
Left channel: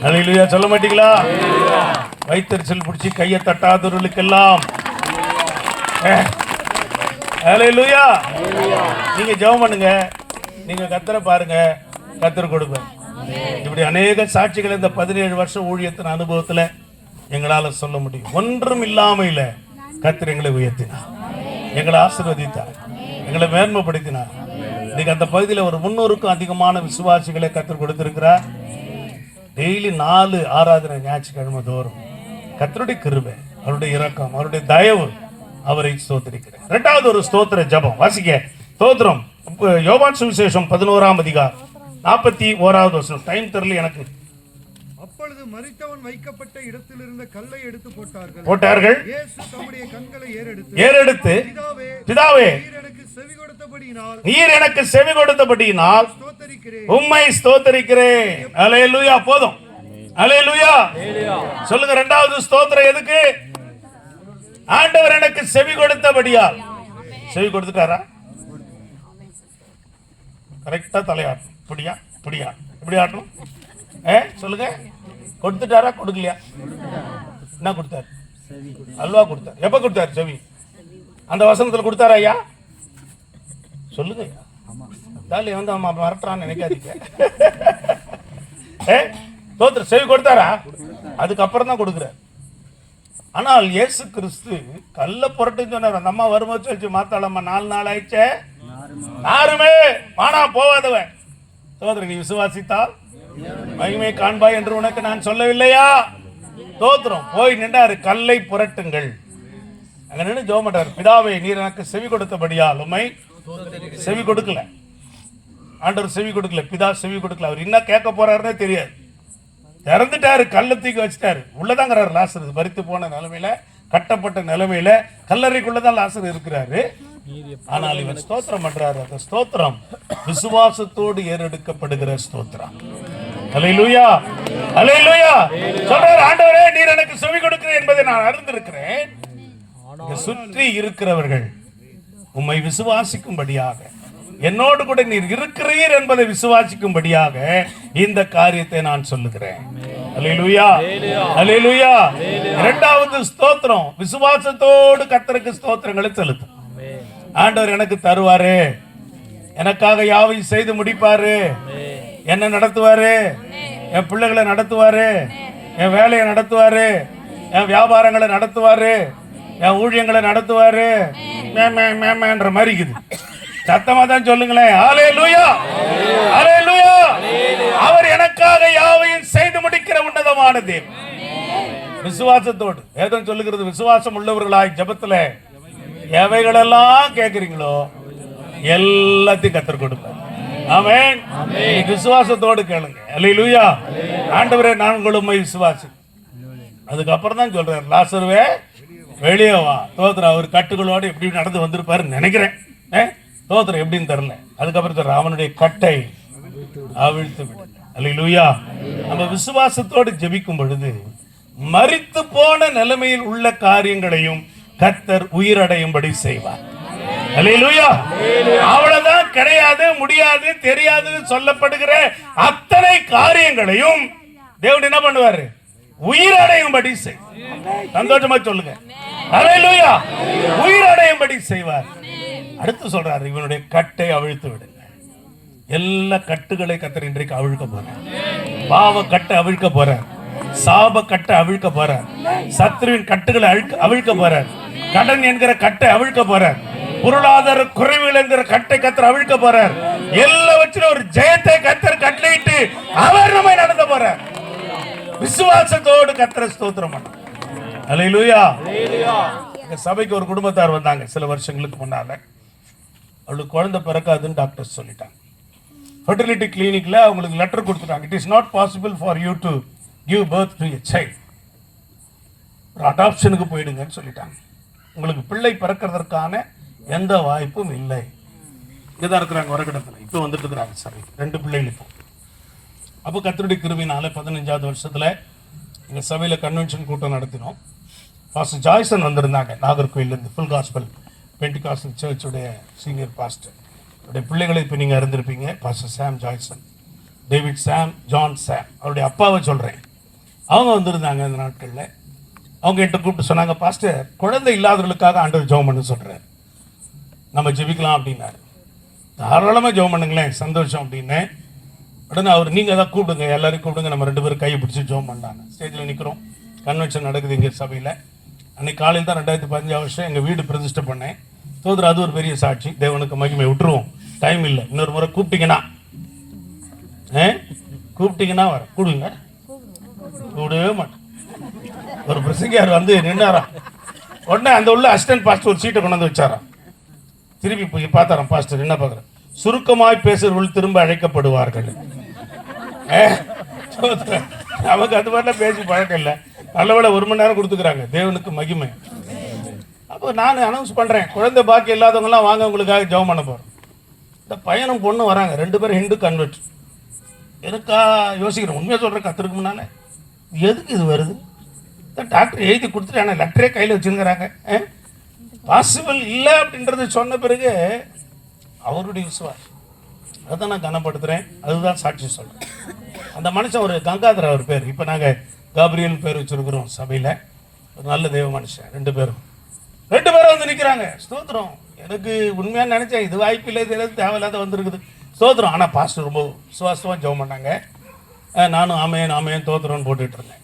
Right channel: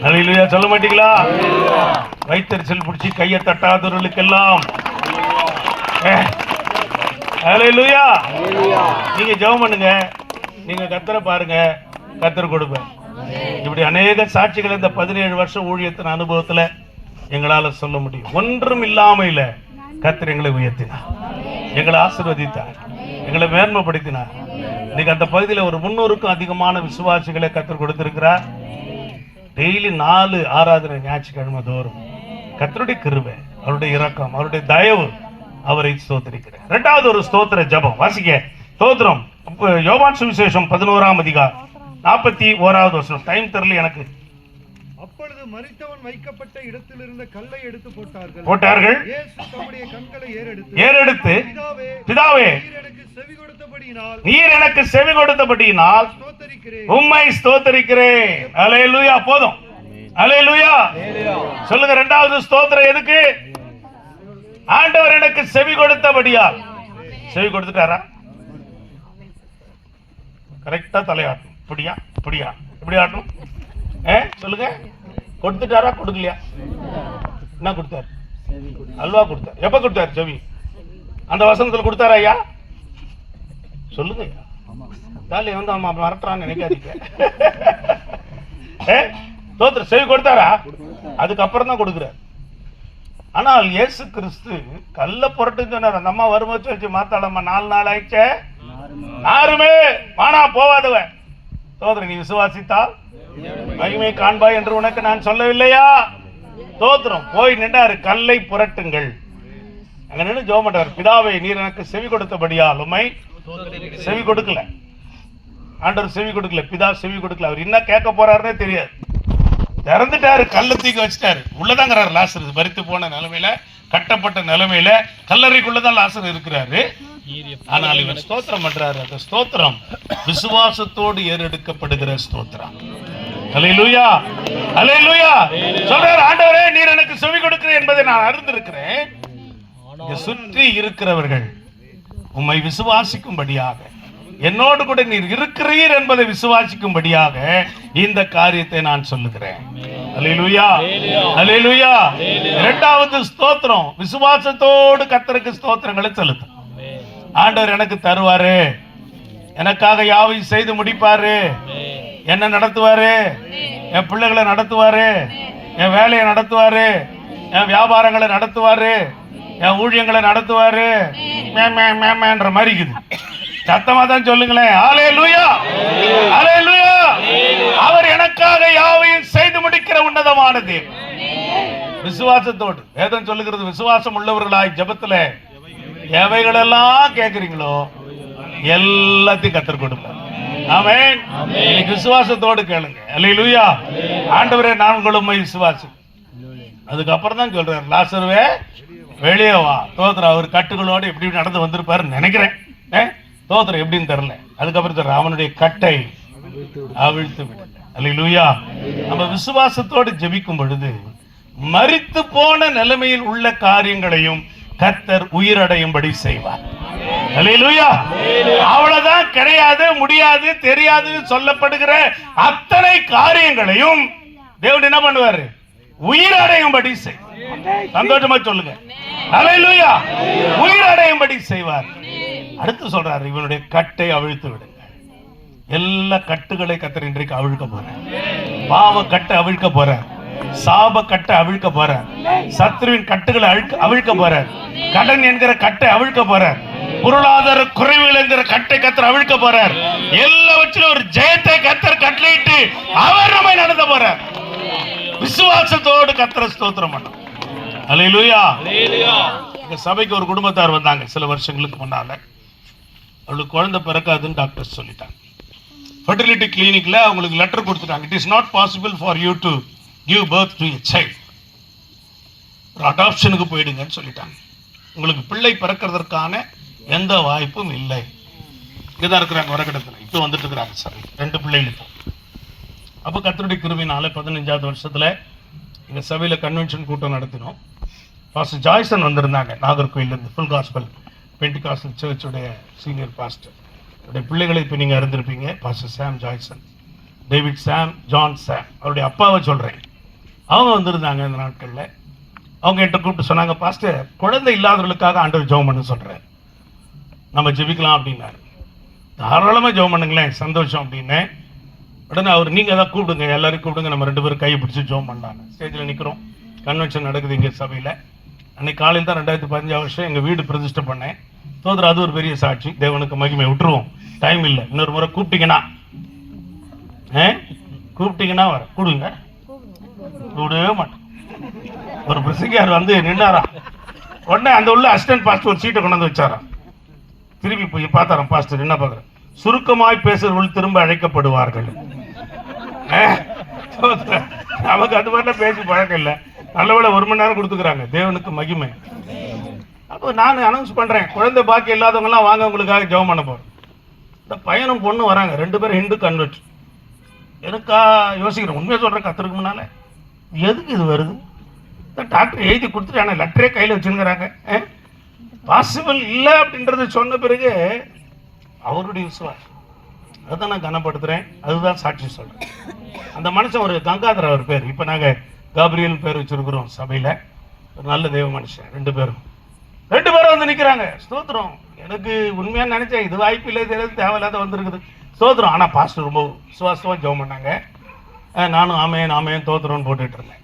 ஹல்லேலூயா சொல்ல மாட்டீங்களா? வைத்தறிச்சல் பிடிச்சி கையை தட்டாதவர்களுக்கெல்லாம் ஹல்லேலூயா. நீங்க ஜெபம் பண்ணுங்க, நீங்க கர்த்தரை பாருங்க, கர்த்தர் கொடுப்பார். இப்படி அநேக சாட்சிகள் இந்த 17 வருஷம் ஊழியத்தின் அனுபவத்துல எங்களால சொல்ல முடியும். ஒன்றும் இல்லாமையில கர்த்தர் எங்களை உயர்த்தினார், எங்களை ஆசீர்வதித்தார், எங்களை மேன்மைப்படுத்தினார். இன்னைக்கு அந்த பகுதியில் ஒரு 300க்கும் அதிகமான விசுவாசிகளை கர்த்தர் கொடுத்திருக்கிறார். டெய்லி 4 ஆராதனை ஞாயிற்றுக்கிழமை தோறும். கர்த்தருடைய கிருபை, அவருடைய இரக்கம், அவருடைய தயவு, அவரை ஸ்தோத்திரிக்கிறேன். 2வது ஒரு ஸ்தோத்திர ஜெபம் வாசிக்க. ஸ்தோத்திரம். யோவான் சுவிசேஷம் 11ஆம் அதிகாரம் 41வது வசனம். டைம் தெரியல எனக்கு. அப்பொழுது மரித்தவன் வைக்கப்பட்ட இடத்தில் இருந்த கல்லை எடுத்து போட்டார்கள். இயேசு தம்முடைய கண்களை ஏறெடுத்து பிதாவே, நீர் எனக்கு செவி கொடுத்தபடியினால் உம்மை ஸ்தோத்திரிக்கிறேன். ஹல்லேலூயா. போதும். ஹல்லேலூயா சொல்லுங்க. 2வது ஸ்தோத்திரம் எதுக்கு? ஆண்டவர் எனக்கு செவி கொடுத்தபடியால். செவி கொடுத்துட்டாரா? கரெக்டா தலையாட்டும். இப்படியா இப்படியா இப்படி ஆட்டும். சொல்லுங்க, கொடுத்துட்டாரா கொடுக்கலையா? என்ன கொடுத்தாரு? அல்வா கொடுத்தாரு. எப்ப கொடுத்தாரு செவி? அந்த வசனத்துல கொடுத்தாரா ஐயா? சொல்லுங்க ஐயா. தாலி வந்து அம்மா மறட்டுறான்னு நினைக்காதீங்க. தோத்திர செவி கொடுத்தாரா? அதுக்கப்புறம் தான் கொடுக்குறாரு. ஆனால் இயேசு கிறிஸ்து கல்ல புரட்டு சொன்னார். அந்த அம்மா வரும்போது சொல்லிச்சு, மாத்தாளம்மா 4 நாள் ஆயிடுச்சே, யாருமே வானா போவாதவன் தோத்திர நீ விசுவாசித்தால் மகிமை காண்பாய் என்று உனக்கு நான் சொல்லவில்லையா? தோத்திரம் போய் நின்றாரு. கல்லை புரட்டுங்கள். அங்க நின்று ஜெபம் பண்றாரு. பிதாவே, நீர் எனக்கு செவி கொடுத்தபடியால் உம்மை செவி கொடுக்கல. ஆண்டவர் செவி கொடுக்கல, பிதா செவி கொடுக்கல. அவர் என்ன கேட்க போறாருன்னே தெரியாது. திறந்துட்டாரு, கல்லை தூக்கி வச்சுட்டாரு. உள்ளதாங்கிறாரு லாசர். மரித்து போன நிலைமையில, கட்டப்பட்ட நிலைமையில, கல்லறைக்குள்ளதான் லாசர் இருக்கிறாரு. ஆனால் இவர் ஸ்தோத்திரம் பண்றாரு. அந்த ஸ்தோத்திரம் விசுவாசத்தோடு ஏறெடுக்கப்படுகிற ஸ்தோத்திரம். அல்லேலூயா, அல்லேலூயா. சொல்றாரு, ஆண்டவரே நீர் எனக்கு செவி கொடுக்கிறேன் என்பதை நான் அறிந்திருக்கிறேன். சுற்றி இருக்கிறவர்கள் உம்மை விசுவாசிக்கும்படியாக, என்னோடு கூட நீர் இருக்கிறீர் என்பதை விசுவாசிக்கும்படியாக இந்த காரியத்தை நான் சொல்லுகிறேன். அல்லேலூயா, அல்லேலூயா. இரண்டாவது ஸ்தோத்திரம் விசுவாசத்தோடு கர்த்தருக்கு ஸ்தோத்திரங்களை செலுத்தும். ஆண்டவர் எனக்கு தருவாரு, எனக்காக யாவையும் செய்து முடிப்பாரு, என்ன நடத்துவாரு, என் பிள்ளைகளை நடத்துவாரு, என் வேலையை நடத்துவாரு, என் வியாபாரங்களை நடத்துவாரு, என் ஊழியங்களை நடத்துவாரு. மேன்ற மாதிரி இருக்குது. சத்தமா தான் சொல்லுங்களேன். அல்லேலூயா, அல்லேலூயா. அவர் எனக்காக யாவையும் செய்து முடிக்கிற உன்னதமான தேவன். விசுவாசத்தோடு வேதம் சொல்லுகிறது, விசுவாசம் உள்ளவர்களாய் ஜெபத்துல எவைகளெல்லாம் கேட்கிறீங்களோ எல்லாத்தையும் கர்த்தர் கொடுப்பார். ஆமென். விசுவாசத்தோடு கேளுங்க. அல்லேலூயா. ஆண்டவரே நான் உங்களை விசுவாசி. அதுக்கப்புறம் தான் சொல்றாரு, லாசருவே வெளியே வா. தோத்திரம் அவர் கட்டுகளோடு எப்படி நடந்து வந்திருப்பாருன்னு நினைக்கிறேன். தோத்திரம் எப்படின்னு தெரியல. அதுக்கப்புறம் சொல்ற, அவனுடைய கட்டை அவிழ்த்து விடு. அல்லேலூயா. நம்ம விசுவாசத்தோடு ஜெபிக்கும் பொழுது மரித்து போன நிலைமையில் உள்ள காரியங்களையும் கர்த்தர் உயிரடையும்படி செய்வார். அல்லேலூயா. அவ்வளவுதான், கிடையாது, முடியாது, தெரியாது சொல்லப்படுகிற அத்தனை காரியங்களையும் தேவன் என்ன பண்ணுவாரு? உயிரடையும்படி செய்வார். சந்தோஷமா சொல்லுங்க. அல்லேலூயா. உயிரடையும்படி செய்வார். அடுத்து சொல்றாரு, இவனுடைய கட்டை அவிழ்த்து விடுங்க. எல்லா கட்டுகளை கர்த்தர் இன்றைக்கு அவிழ்க்க போறார். பாவ கட்டை அவிழ்க்க போறார். சாப கட்டை அவிழ்க்க போறார். சத்ருவின் கட்டுகளை அவிழ்க்க போறார். கடன் என்கிற கட்டை அவிழ்க்க போறார். பொருளாதார குறைவுகள் என்கிற கட்டை கர்த்தர் அவிழ்க்க போறார். எல்லாவற்றிலும் ஒரு ஜெயத்தை கர்த்தர் கட்டளையிட்டு அவர் நம்மை நடத்த போறார். விசுவாசத்தோடு கர்த்தரை ஸ்தோத்திரம் பண்ண. அல்லேலூயா. இந்த சபைக்கு ஒரு குடும்பத்தார் வந்தாங்க சில வருஷங்களுக்கு முன்னால. அவளுக்கு குழந்தை பிறக்காதுன்னு டாக்டர் சொல்லிட்டாங்க. ஃபெர்டிலிட்டி கிளினிக்ல அவங்களுக்கு லெட்டர் கொடுத்துட்டாங்க. It is not possible for you to give birth to a child. ஒரு அடாப்ஷனுக்கு போயிடுங்கன்னு சொல்லிட்டாங்க. உங்களுக்கு பிள்ளை பிறக்கிறதுக்கான எந்த வாய்ப்பும் இல்லை. இங்கதான் இருக்கிறாங்க வரக்கிடத்தில். இப்போ வந்துட்டு இருக்கிறாங்க சார் 2 பிள்ளைகளுக்கும். அப்போ கர்த்தருடைய கிருபையினால 15வது வருஷத்துல எங்கள் சபையில் கன்வென்ஷன் கூட்டம் நடத்தினோம். பாஸ்டர் ஜாய்சன் வந்திருந்தாங்க நாகர்கோயிலிருந்து. ஃபுல் காஸ்பல் பென்டிகாஸ்டல் சர்ச்சுடைய சீனியர் பாஸ்டர். அவருடைய பிள்ளைகளை இப்போ நீங்கள் அறிந்திருப்பீங்க. Pastor Sam Joyson, David Sam, John Sam. அவருடைய அப்பாவை சொல்கிறேன். அவங்க வந்திருந்தாங்க இந்த நாட்களில். அவங்க என்கிட்ட கூப்பிட்டு சொன்னாங்க, பாஸ்டர் குழந்தை இல்லாதவர்களுக்காக ஆண்டவர் ஜெபம் பண்ண சொல்கிறார், நம்ம ஜெபிக்கலாம் அப்படின்னாரு. தாராளமாக ஜெபம் பண்ணுங்களேன், சந்தோஷம் அப்படின்னு. உடனே அவர் நீங்கள் எதாவது கூப்பிடுங்க, எல்லாரையும் கூப்பிடுங்க, நம்ம 2 பேரும் கையை பிடிச்சி ஜெபம் பண்ணலான்னு. ஸ்டேஜில் நிற்கிறோம். கன்வென்ஷன் நடக்குது இங்கே சபையில். அன்னைக்கு காலையில் தான் 2015 வருஷம் எங்கள் வீடு பிரதிஷ்டை பண்ணேன். தோதுற அது ஒரு பெரிய சாட்சி. தேவனுக்கு மகிமை. விட்டுருவோம், டைம் இல்லை. இன்னொரு முறை கூப்பிட்டீங்கன்னா வர கூடுங்க. கூடவே மாட்டோம். ஒரு பிரசங்கியார் வந்து நின்னாராம். உடனே அந்த உள்ள அசிஸ்டன்ட் பாஸ்டர் ஒரு சீட்டை கொண்டாந்து வச்சாராம். திருப்பி போய் பார்த்தாராம். பாஸ்டர் என்ன பார்க்குறேன், சுருக்கமாய் பேசுறவர்கள் திரும்ப அழைக்கப்படுவார்கள். நமக்கு அது மாதிரிலாம் பேசி பழக்கம் இல்லை. நல்லவேளை 1 மணி நேரம் கொடுத்துக்கிறாங்க. தேவனுக்கு மகிமை. அப்போ நான் அனௌன்ஸ் பண்ணுறேன், குழந்தை பாக்கி இல்லாதவங்கலாம் வாங்க, உங்களுக்காக ஜெபம் பண்ண போகிறேன். இந்த பையனும் பொண்ணு வராங்க, 2 பேரும் ஹிந்து கன்வெர்ட். எனக்கா யோசிக்கிறேன், உண்மையாக சொல்கிறேன், கற்றுருக்கு முன்னால எதுக்கு இது வருது? டாக்டர் எழுதி கொடுத்துட்டு ஆனால் லெட்டரே கையில் வச்சுருக்கிறாங்க. பாசிபிள் இல்லை அப்படின்றத சொன்ன பிறகு அவருடைய விசுவாசம் அதுதான் நான் கனப்படுத்துகிறேன், அதுதான் சாட்சி சொல்கிறேன். அந்த மனுஷன் ஒரு கங்காதர் அவர் பேர், இப்போ நாங்கள் காப்ரியல் பேர் வச்சுருக்குறோம் சபையில். ஒரு நல்ல தெய்வ மனுஷன், ரெண்டு பேரும் வந்து நிற்கிறாங்க. ஸ்தோத்திரம். எனக்கு உண்மையாக நினச்சேன் இது வாய்ப்பு இல்லை, இது தேவையில்லாத வந்திருக்குது. ஸ்தோத்திரம். ஆனால் பாஸ்டர் ரொம்ப விசுவாசமாக ஜெபம் பண்ணாங்க. நானும் ஆமேன் ஆமேன் தோத்திரம்னு போட்டுட்டு இருந்தேன்.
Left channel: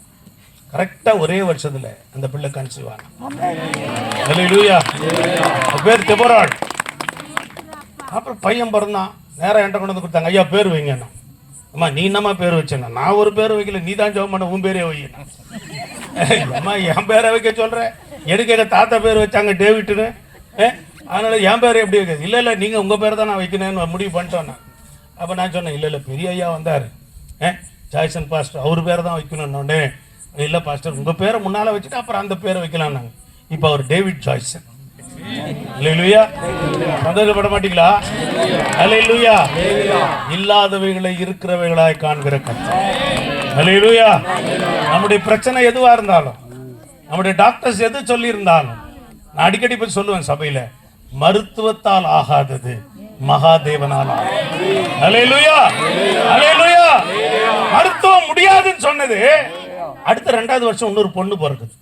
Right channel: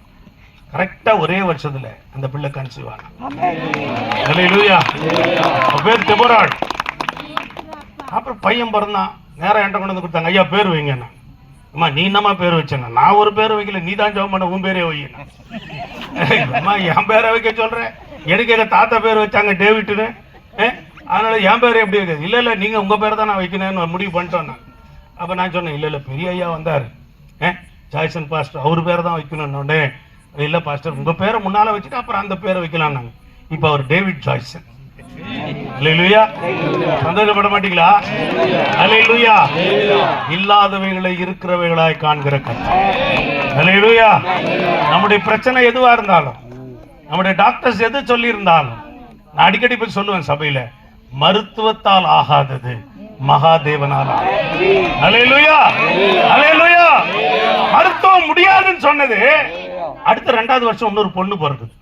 கரெக்டாக ஒரே வருஷத்தில் அந்த பிள்ளை கன்சீவ் ஆனா. அல்லேலூயா. பேர் தெபோராள். அப்புறம் பையன் பிறந்தான். நேராக என்கிட்ட கொண்டு வந்து கொடுத்தாங்க. ஐயா பேர் வைங்கண்ணா. அம்மா நீ என்னம்மா பேர் வச்சேன்னா, நான் ஒரு பேர் வைக்கல, நீ தான் ஜெபம் பண்ண, உன் பேரே வையண்ணா. அம்மா என் பேரை வைக்க சொல்கிறேன், எனக்கு எங்கள் தாத்தா பேர் வச்சாங்க டேவிட்டுன்னு, அதனால என் பேர் எப்படி இருக்குது? இல்லை நீங்கள் உங்கள் பேர் தான் நான் வைக்கணும்னு முடிவு பண்ணிட்டோம் நான். அப்போ நான் சொன்னேன் இல்லை பெரிய ஐயா வந்தார், ஜாய்சன் பாஸ்டர், அவர் பேரை தான் வைக்கணும்னு. இல்லை பாஸ்டர் உங்கள் பேரை முன்னால் வச்சுட்டு அப்புறம் அந்த பேரை வைக்கலாம் நாங்கள். இப்போ அவர் டேவிட் ஜாய்சன். அல்லேலூயா. சந்தோஷப்பட மாட்டீங்களா? அல்லேலூயா. இல்லாதவைகளை இருக்கிறவைகளாய் காண்கிற கர்த்தர். அல்லேலூயா. நம்முடைய பிரச்சனை எதுவா இருந்தாலும், நம்முடைய டாக்டர்ஸ் எது சொல்லி இருந்தாலும், நான் அடிக்கடி போய் சொல்லுவேன் சபையில, மருத்துவத்தால் ஆகாதது மகாதேவனால். அல்லேலூயா. அல்லேலூயா. மருத்துவம் முடியாதுன்னு சொன்னது அடுத்த 2வது வருஷம் இன்னொரு பொண்ணு பிறகுது.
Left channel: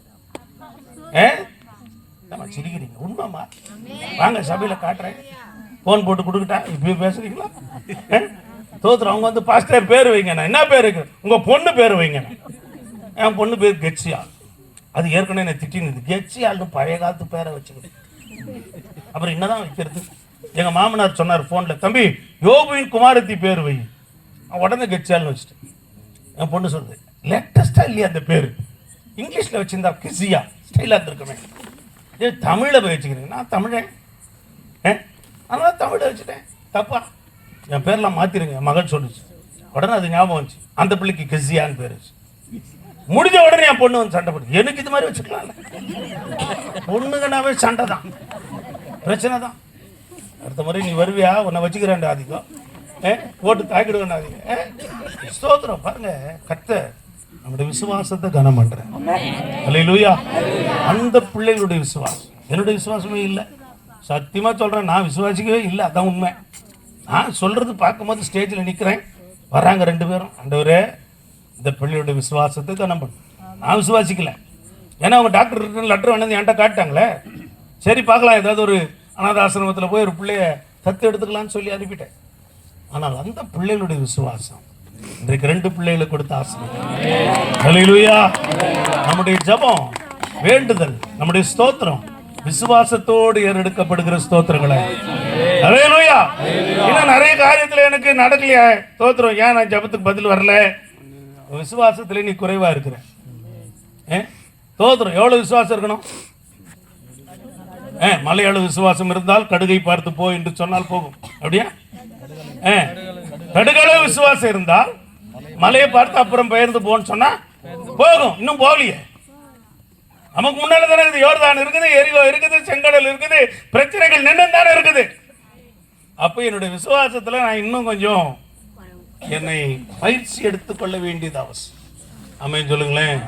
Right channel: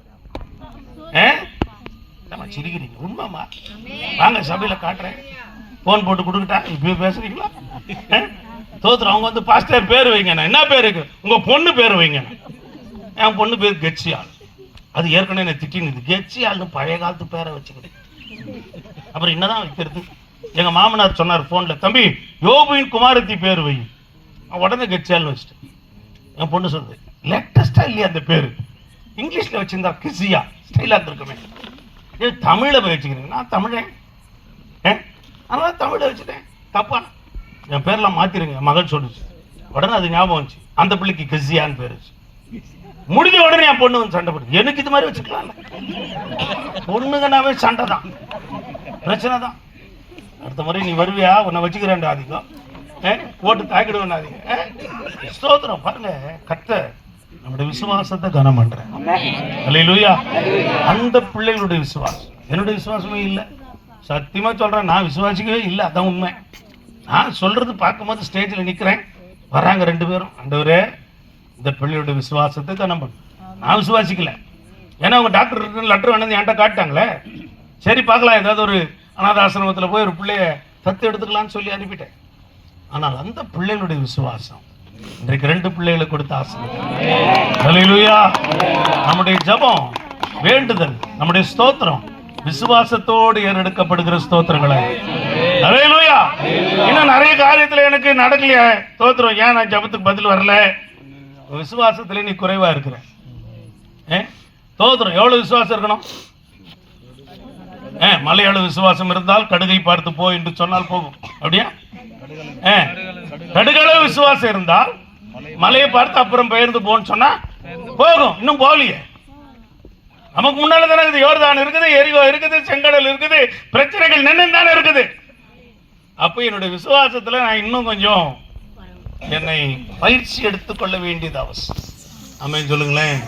சிரிக்கிறீங்க? உண்மைமா? வாங்க சபையில காட்டுறேன். போன் போட்டு கொடுக்கிட்டா இப்ப பேசுறீங்களா? தோத்துறோம். அவங்க வந்து பாஸ்டர் பேர் வைங்க. என்ன பேருக்கு? உங்க பொண்ணு பேர் வைங்க. என் பொண்ணு பேர் கெட்சியால். அது ஏற்கனவே என்ன திட்டினது. கெட்சியால்னு பழைய காலத்து பேரை வச்சுக்கிட்டு அப்புறம் என்னதான் வைக்கிறது? எங்க மாமனார் சொன்னார் போன்ல, தம்பி யோபுவின் குமாரத்தி பேர் வை. உடனே கெட்சியால்னு வச்சுட்டு என் பொண்ணு சொல்லுது, லேட்டஸ்டா இல்லையா அந்த பேரு? இங்கிலீஷ்ல வச்சிருந்தா கிசியா ஸ்டைலா இருந்திருக்குமே, தமிழில் போய் வச்சுக்கிறீங்க. நான் தமிழன், அதனால தமிழை வச்சுட்டேன். தப்பா என் பேர்லாம் மாற்றிருங்க மகள் சொல்லிச்சு. உடனே அது ஞாபகம் வந்துச்சு, அந்த பிள்ளைக்கு கிசியான்னு பேர் வச்சு. முடிஞ்ச உடனே என் பொண்ணு வந்து சண்டை போட்டு, எனக்கு இது மாதிரி வச்சுக்கலாம்ல. பொண்ணுங்கனாவே சண்டை தான், பிரச்சனை தான். அடுத்த முறை நீ வருவியா, உன்னை வச்சுக்கிறேன் அதிகம் போட்டு தாக்கிடுவேன் அதிகம். ஸ்தோத்திரம். பாருங்க கர்த்தர் நம்முடைய விசுவாசத்தை கனம் பண்றேன். அல்லேலூயா. அந்த பிள்ளைகளுடைய விசுவாசம் என்னுடைய விசுவாசமே இல்லை. சத்தியமா சொல்றேன், நான் விசுவாசிக்கவே இல்லை. அதான் உண்மை. நான் சொல்றது பார்க்கும்போது ஸ்டேஜில் நிற்கிறேன், வராங்க 2 பேரும். ஆண்டவரே இந்த பிள்ளையோட விசுவாசத்தை கனம் பண்ணு. நான் விசுவாசிக்கல, ஏன்னா அவங்க டாக்டர் லெட்டர் வந்து என்கிட்ட காட்டாங்களே. சரி பார்க்கலாம், ஏதாவது ஒரு அநாத ஆசிரமத்தில் போய் ஒரு பிள்ளைய தத்து எடுத்துக்கலாம்னு சொல்லி அனுப்பிட்டேன். ஆனால் அந்த பிள்ளைகளுடைய விசுவாசம் இன்றைக்கு 2 பிள்ளைகளை கொடுத்த ஆசீர்வாதம். அல்லேலூயா. நம்முடைய ஜெபம், வேண்டுதல், நம்முடைய ஸ்தோத்திரம் விசுவாசத்தோடு ஏறெடுக்கப்படுகிற ஸ்தோத்திரங்களை. அல்லேலூயா. இன்னும் நிறைய காரியத்தில் எனக்கு நடக்கலையா ஸ்தோத்திரம், ஏன் நான் ஜெபத்துக்கு பதில் வரல? விசுவாசத்துல நீ குறைவா இருக்கிற. ஸ்தோத்திரம். எவ்வளவு விசுவாசம் இருக்கணும்? மலையாள விசுவாசம் இருந்தால் கடுகை பார்த்து போ என்று சொன்னால் போகும். அப்படியா? கடுகளவு விசுவாசம் இருந்தால் மலையை பார்த்து அப்புறம் பெயர்ந்து போன்னு சொன்னா போகும். இன்னும் போகலையே. நமக்கு முன்னால தானே இருக்குது, யோர்தான் இருக்குது, எரிகோ இருக்குது, செங்கடல் இருக்குது, பிரச்சனைகள் நின்று தானே இருக்குது. அப்போ என்னுடைய விசுவாசத்துல நான் இன்னும் கொஞ்சம் என்னை பயிற்சி எடுத்துக்கொள்ள வேண்டியது அவசியம். ஆமென் சொல்லுங்களேன்.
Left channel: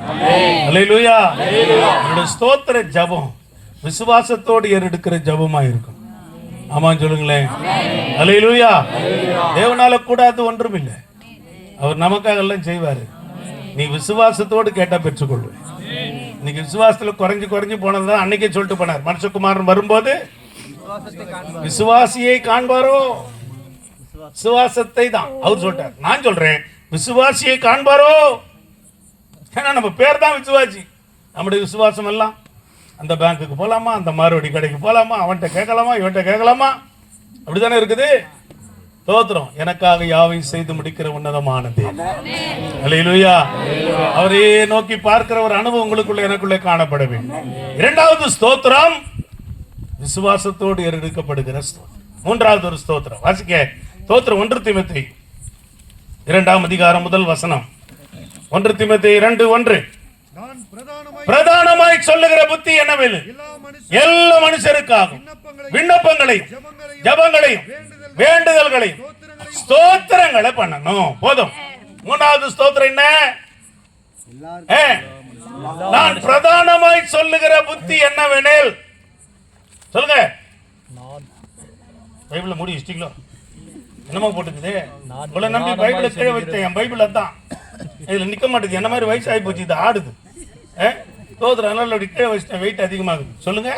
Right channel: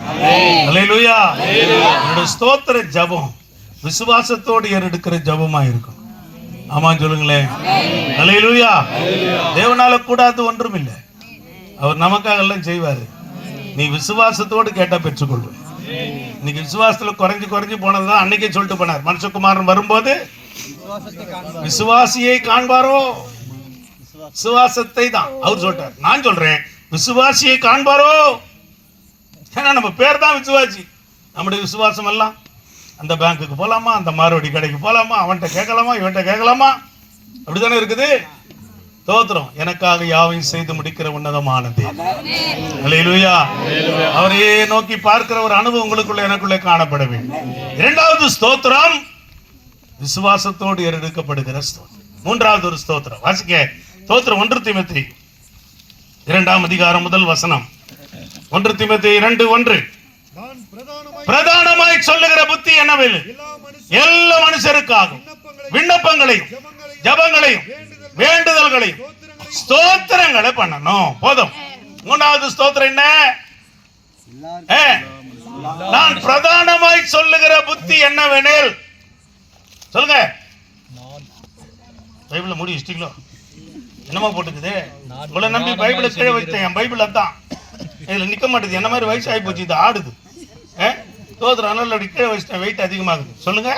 அல்லேலூயா. என்னோட ஸ்தோத்திர ஜெபம் விசுவாசத்தோடு ஏறெடுக்கிற ஜெபமா இருக்கும். ஆமாம் சொல்லுங்களேன். அல்லேலூயா. தேவனால கூடாது ஒன்றும் இல்லை. அவர் நமக்காக எல்லாம் செய்வாரு. நீ விசுவாசத்தோடு கேட்டா பெற்றுக்கொள்வேன். இன்னைக்கு விசுவாசத்துல குறைஞ்சு போனதுதான் அன்னைக்கே சொல்லிட்டு போனார். மனுஷகுமாரன் வரும்போது விசுவாசியை காண்பாரோ, விசுவாசத்தை தான் அவர் சொல்றார். நான் சொல்றேன் விசுவாசியை காண்பாரோ. ஏன்னா நம்ம பேர் தான் விசுவாசி. நம்முடைய விசுவாசம் எல்லாம் அந்த பேங்க்குக்கு போகலாமா, அந்த மாறுவடி கடைக்கு போகலாமா, அவன்கிட்ட கேட்கலாமா, இவன்கிட்ட கேட்கலாமா, அப்படித்தானே இருக்குது. ஸ்தோத்திரம். எனக்காக யாவையும் செய்து முடிக்கிற உன்னதமானது. அல்லேலூயா. அவரையே நோக்கி பார்க்கிற ஒரு அனுபவம் உங்களுக்குள்ள எனக்குள்ளே காணப்பட வேண்டும். 2வது ஸ்தோத்திரம் விசுவாசத்தோடு ஏறெடுக்கப்படுகிற ஸ்தோத்திரம். 3வது ஒரு ஸ்தோத்திரம் வாசிக்க. ஸ்தோத்திரம் 1 தீமோத்தேயு 2ஆம் அதிகாரம் 1 வசனம். 1 தீமோத்தேயு 2:1. பிரதானமாய் சொல்லுகிற புத்தி என்னவெல் எல்லா மனுஷருக்காகவும் விண்ணப்பங்களையும் ஜெபங்களையும் வேண்டுதல்களையும் ஸ்தோத்திரங்களை பண்ணணும். போதும். 3வது ஸ்தோத்திரம் என்ன? நான் பிரதானமாய் சொல்லுகிற புத்தி என்னவெனில் சொல்லுங்க. பைபிள மூடி வச்சிட்டீங்களோ? என்னமா போட்டுக்குது? உங்களை நம்பி பைபிளை கீழே வச்சேன். என் பைபிள் அதான் இதில் நிற்க மாட்டேது. என்ன மாதிரி வயசு ஆகி போச்சு, இது ஆடுது. தோத்துற அதனால அப்படி கீழே வச்சிட்டேன், வெயிட் அதிகமாகுது. சொல்லுங்க.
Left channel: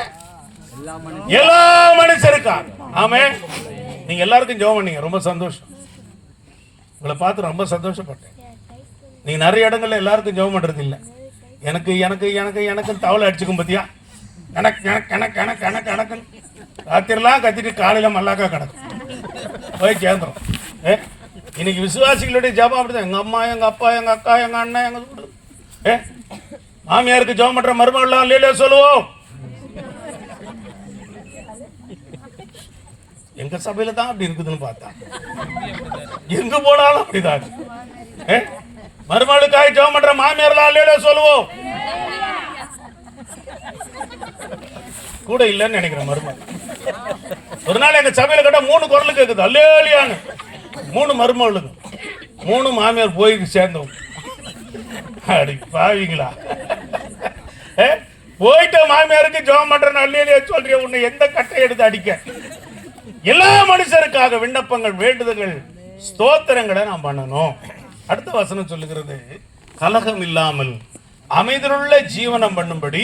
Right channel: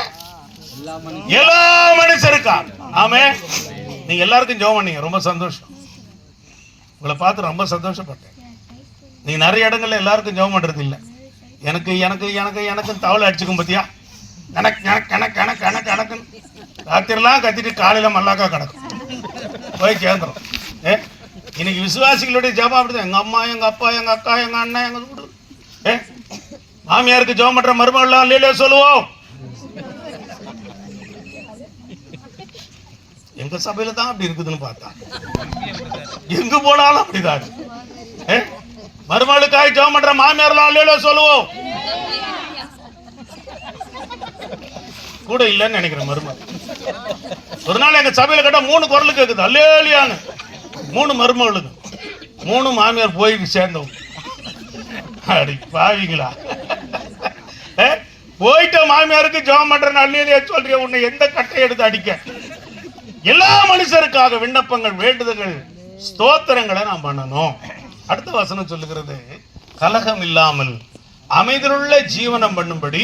எல்லா மனுஷருக்கா? ஆமே. நீங்க எல்லாருக்கும் ஜெபம் பண்ணீங்க, ரொம்ப சந்தோஷம். உங்களை பார்த்து ரொம்ப சந்தோஷப்பட்டேன். நீங்க நிறைய இடங்கள்ல எல்லாருக்கும் ஜெபம் பண்றது இல்லை. எனக்கு எனக்கு எனக்கு எனக்கு தவளை அடிச்சுக்கும் பத்தியா, எனக்கு எனக்கு எனக்கு எனக்கு எனக்கு எனக்குன்னு ராத்திரிலாம் கத்திட்டு காலையில மல்லாக்கா கிடக்கும் போய் கேந்திரம். இன்னைக்கு விசுவாசிகளுடைய ஜெபம் அப்படிதான். எங்க அம்மா, எங்க அப்பா, எங்க அக்கா, எங்க அண்ணன், எங்க வீடு. மாமியாருக்கு ஜெபம் பண்ற மருமகள்லாம் இல்லையே சொல்லுவோம். எங்க சபையில தான் அப்படி இருக்குதுன்னு பார்த்தா எங்க போனாலும் அப்படிதான். மருமகளுக்காக ஜெபம் பண்ற மாமியார்லாம் இல்லையே சொல்லுவோம். கூட இல்லைன்னு நினைக்கிறேன் மருமகள். ஒரு நாள் எங்க சபையில கேட்டா 3 குரல் கேக்குது, அல்லேலியான்னு. 3 மருமகளுக்கு, 3 மாமியார் போய் சேர்ந்தவங்க. அடி பாவிங்களா, போயிட்ட மாமியாருக்கு ஜெபம் பண்றேன்னு அல்லேலியா சொல்றிய, உன்னை எந்த கட்டை எடுத்து அடிக்க? எல்லா மனுஷருக்காக விண்ணப்பங்கள், வேண்டுதல்கள், ஸ்தோத்திரங்களை நாம் பண்ணணும். அடுத்த வசனம் சொல்லுகிறது, கலகம் இல்லாமல் அமைதியுள்ள ஜீவனம் பண்ணும்படி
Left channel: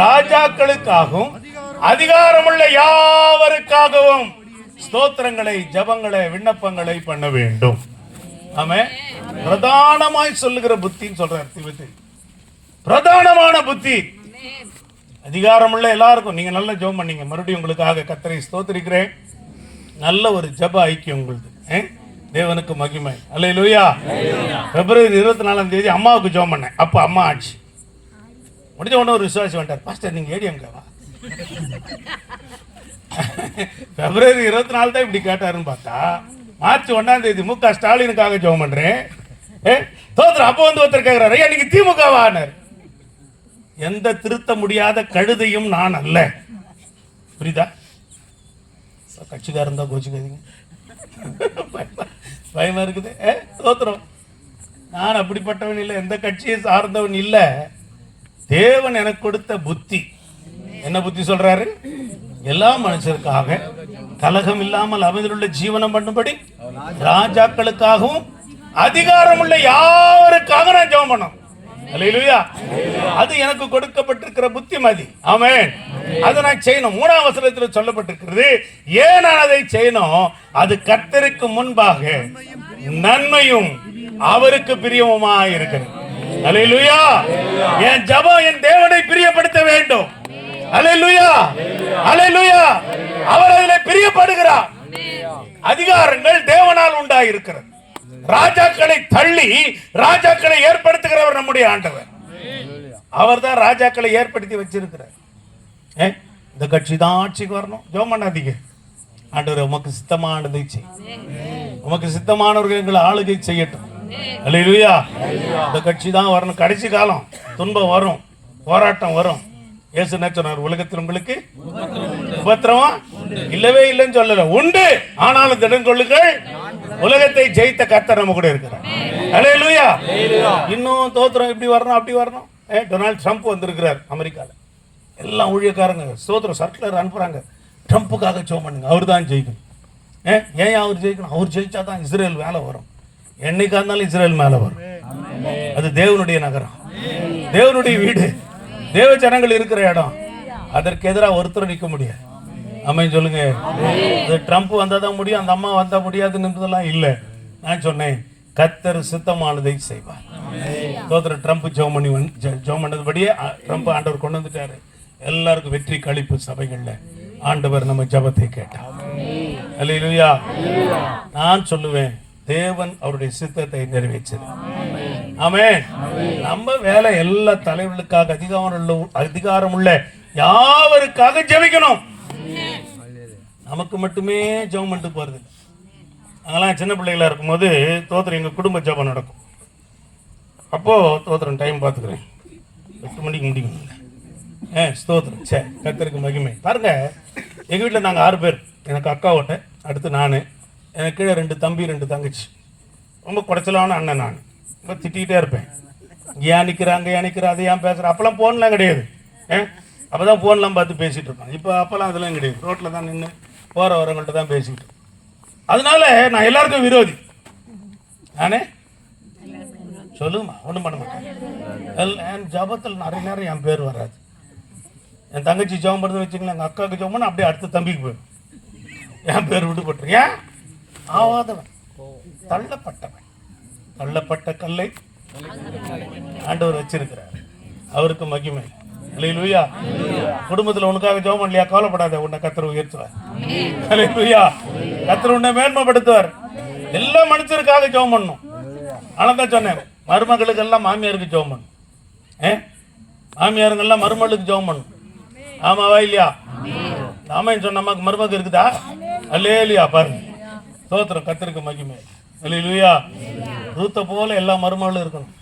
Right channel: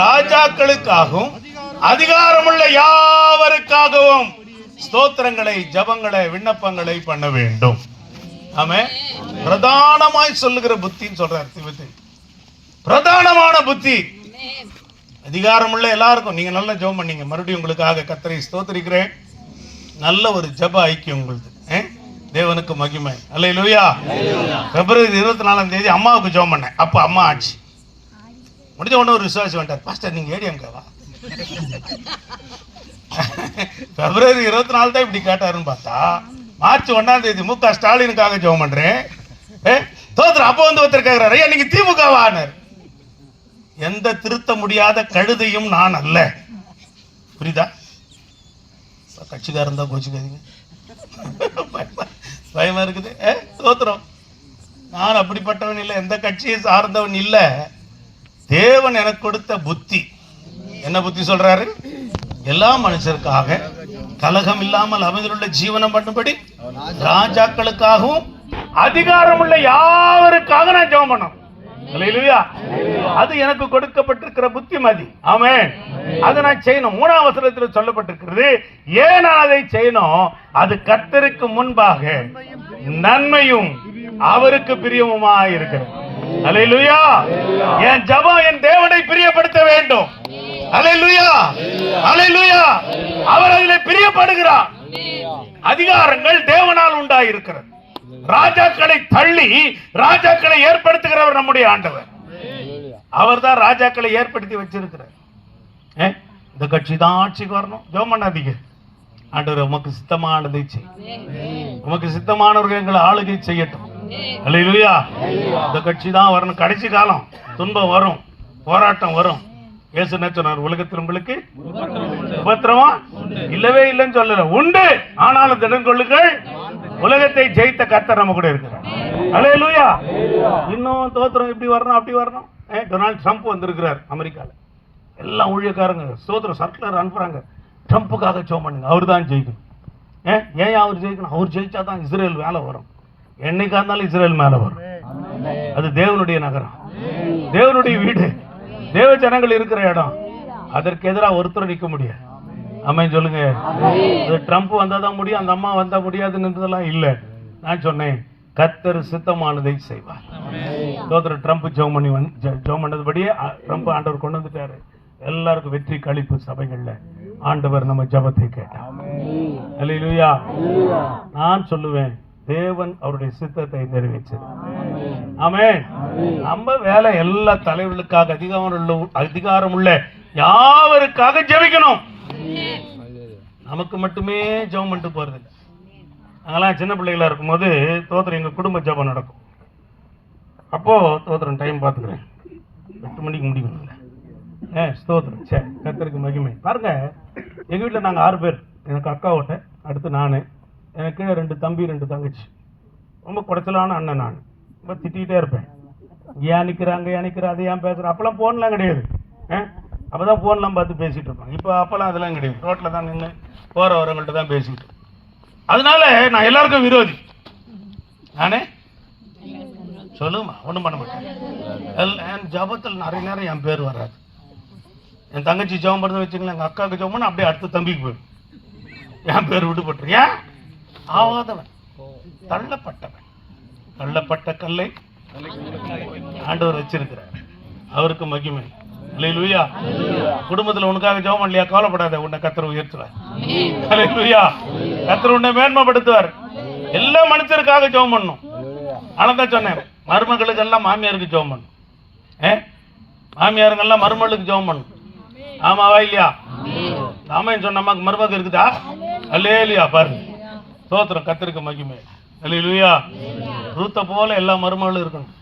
ராஜாக்களுக்காகவும் அதிகாரமுள்ள யாவருக்காகவும் ஸ்தோத்திரங்களை, ஜபங்களை, விண்ணப்பங்களை பண்ண வேண்டும். ஆமே. பிரதானமாய் சொல்லுகிற புத்தின்னு சொல்றார் தீமோத்தேயு. பிரதானமான புத்தி. அதிகாரமுள்ள எல்லாருக்கும். நீங்க நல்ல ஜெபம் பண்ணீங்க. மறுபடியும் உங்களுக்காக கர்த்தரை ஸ்தோத்திரிக்கிறேன். நல்ல ஒரு ஜெப ஐக்கியம் உங்களுது. தேவனுக்கு மகிமை. அல்லேலூயா. பிப்ரவரி 24ஆம் தேதி அம்மாவுக்கு ஜெபம் பண்ணேன். அப்ப அம்மா ஆச்சு. முடிஞ்ச உடனே ஒரு விசுவாசி வந்துட்டார், பாஸ்டர் நீங்க ஏடிஎம்கேவா? பிப்ரவரி 24 தான் இப்படி கேட்டாருன்னு பார்த்தா மார்ச் 1ஆம் தேதி மு.க. ஸ்டாலினுக்காக ஜெபம் பண்றேன். தோத்துற அப்ப வந்து ஒருத்தர் கேட்கிறாரு, ஐயா நீங்க திமுகவானார். எந்த திருத்த முடியாத கழுதையும் நான் அல்ல. புரியுதா? கட்சிக்காரன் தான் கோச்சுக்காதீங்க, பயமா இருக்குது. தோத்துறோம். நான் அப்படிப்பட்டவன் இல்லை, எந்த கட்சியை சார்ந்தவன் இல்லை. தேவன் எனக்கு கொடுத்த புத்தி. என்ன புத்தி சொல்றாரு? எல்லா மனுஷருக்காக கலகம் இல்லாமல் அமைதியுள்ள ஜீவனம் பண்ணும்படி ராஜாக்களுக்காகவும் அதிகாரம் உள்ள யாவருக்காக நான் ஜெபம் பண்ணணும். அல்லேலூயா. அது எனக்கு கொடுக்கப்பட்டிருக்கிற புத்திமதி. ஆமென். அதை நான் செய்யணும். 3ஆம் வசனத்தில் சொல்லப்பட்டிருக்கிறது, ஏன் நான் அதை செய்யணும்? அது கர்த்தருக்கு முன்பாக நன்மையும் அவருக்கு பிரியமுமாய் இருக்கிறது. அல்லேலூயா. என் ஜெபம் என் தேவனை பிரியப்படுத்த வேண்டும். அல்லேலூயா. அல்லேலூயா. அவர் அதிலே பிரியப்படுகிறார். அதிகாரங்கள் தேவனால் உண்டாயிருக்கிறது. ராஜாக்களை தள்ளி ராஜாக்களை ஏற்படுத்துகிறவர் நம்முடைய ஆண்டவர். அவர் தான் ராஜாக்களை ஏற்படுத்தி வச்சிருக்கிறார். இந்த கட்சி தான் ஆட்சிக்கு வரணும். ஜெபம் பண்ணாதீங்க. ஆண்டவர் உமக்கு சித்தமானதை செய். உமக்கு சித்தமானவர்கள் எங்களை ஆளுகை செய்யட்டும். அல்லேலூயா. இந்த கட்சி தான் வரணும். கடைசி காலம் துன்பம் வரும், போராட்டம் வரும். இயேசு என்ன சொன்னார்? உலகத்தில் உங்களுக்கு உபத்திரவம் இல்லவே இல்லைன்னு சொல்லல, உண்டு. ஆனாலும் திடன் கொள்ளுங்கள், உலகத்தை ஜெயித்த கர்த்தர் நம்ம கூட இருக்கிறார். அல்லேலூயா. இன்னும் தோத்திரம் இப்படி வரணும், அப்படி வரணும். டொனால்ட் ட்ரம்ப் வந்திருக்கிறார் அமெரிக்கால. எல்லாம் ஊழியக்காரங்க ஸ்தோத்திரம் சர்க்குலர் அனுப்புறாங்க, ட்ரம்ப்புக்காக ஜெபம் பண்ணுங்க, அவர் தான் ஜெயிக்கணும். ஏன் அவர் ஜெயிக்கணும்? அவர் ஜெயிச்சா தான் இஸ்ரேல் மேலே வரும். என்னைக்கா இருந்தாலும் இஸ்ரேல் மேலே வரும். அது தேவனுடைய நகரம், தேவனுடைய வீடு, தேவ ஜனங்கள் இருக்கிற இடம். அதற்கு எதிராக ஒருத்தர் நிற்க முடியாது. ஆமென் சொல்லுங்க. ட்ரம்ப் வந்தாதான் முடியும், அந்த அம்மா வந்தா முடியாதுன்றதெல்லாம் இல்லை. நான் சொன்னேன், கர்த்தர் சித்தமானதை செய்வார். தோத்திர ட்ரம்ப் ஜெபம் பண்ணதுபடியே ட்ரம்ப் ஆண்டவர் கொண்டு வந்துட்டாரு. எல்லாருக்கும் வெற்றி கழிப்பு சபைகள்ல ஆண்டவர் நம்ம ஜெபத்தை கேட்டார். அல்லேலூயா. நான் சொல்லுவேன், தேவன் அவருடைய சித்தத்தை நிறைவேற்றார். ஆமென். நம்ம வேலை எல்லா தலைவர்களுக்காக அதிகாரம் உள்ள யாவருக்காக ஜெபிக்கணும். நமக்கு மட்டுமே ஜெபம் பண்ணிட்டு போறது. அதெல்லாம் சின்ன பிள்ளைகளா இருக்கும்போது தோத்திரம் எங்க குடும்ப ஜெபம் நடக்கும். அப்போ தோத்திரம் டைம் பார்த்துக்கிறேன், 8 மணிக்கு முடிக்கணும். ஸ்தோத்திரம். சரி, கர்த்தருக்கு மகிமை. பாருங்க, எங்க வீட்டில் நாங்கள் 6 பேர். எனக்கு அக்காவோட்ட, அடுத்து நான், எனக்கு கீழே 2 தம்பி 2 தங்கச்சி. ரொம்ப குறைச்சலான அண்ணன். நான் ரொம்ப திட்டிகிட்டே இருப்பேன். ஏன் நிற்கிறாங்க, ஏன் நிற்கிற, அதை ஏன் பேசுகிறேன். அப்போல்லாம் போன்லாம் கிடையாது. அப்பதான் போன்லாம் பார்த்து பேசிட்டு இருப்பாங்க. இப்போ அப்பெல்லாம் அதெல்லாம் கிடையாது. ரோட்டில் தான் நின்று போற வரவங்கள்ட்ட தான் பேசிட்டு. அதனால நான் எல்லாருக்கும் விரோதி. நானே சொல்லுமா ஒன்றும் பண்ண மாட்டேன். என் ஜபத்தில் நிறைய நேரம் என் பேர் வராது. என் தங்கச்சி ஜெபம் பண்ணுறது வச்சுங்களேன், எங்கள் அக்காவுக்கு ஜெபம் பண்ண அப்படியே அடுத்த தம்பிக்கு போயிடும். என் பேர் விடுபட்டுரு. ஏன்? ஆவாதவன், தள்ளப்பட்டவன். தள்ளப்பட்ட கல்லை ஆண்டவர் வச்சிருக்கிறார். அவருக்கு மகிமை. அல்லேலூயா. குடும்பத்தில் உனக்காக ஜெபம் பண்ணலையா? கவலைப்படாத, உன்னை கர்த்தர் உயர்த்துவார். அல்லேலூயா. கர்த்தர் உன்னை மேன்மைப்படுத்துவார். எல்லா மனுஷருக்காக ஜெபம் பண்ணணும். அதான் சொன்னேன், மருமகளுக்கு எல்லாம் மாமியாருக்கு ஜெபம் பண்ணணும். மாமியாருங்கெல்லாம் மருமகளுக்கு ஜெபம் பண்ணணும். ஆமாவா இல்லையா? ஆமைன்னு சொன்ன அம்மாக்கு மருமக இருக்குதா? அல்லேலூயா. பாருங்க, ஸ்தோத்திரம், கர்த்தருக்கு மகிமை. அல்லேலூயா. ரூத்தை போல எல்லா மருமகளும் இருக்கணும்.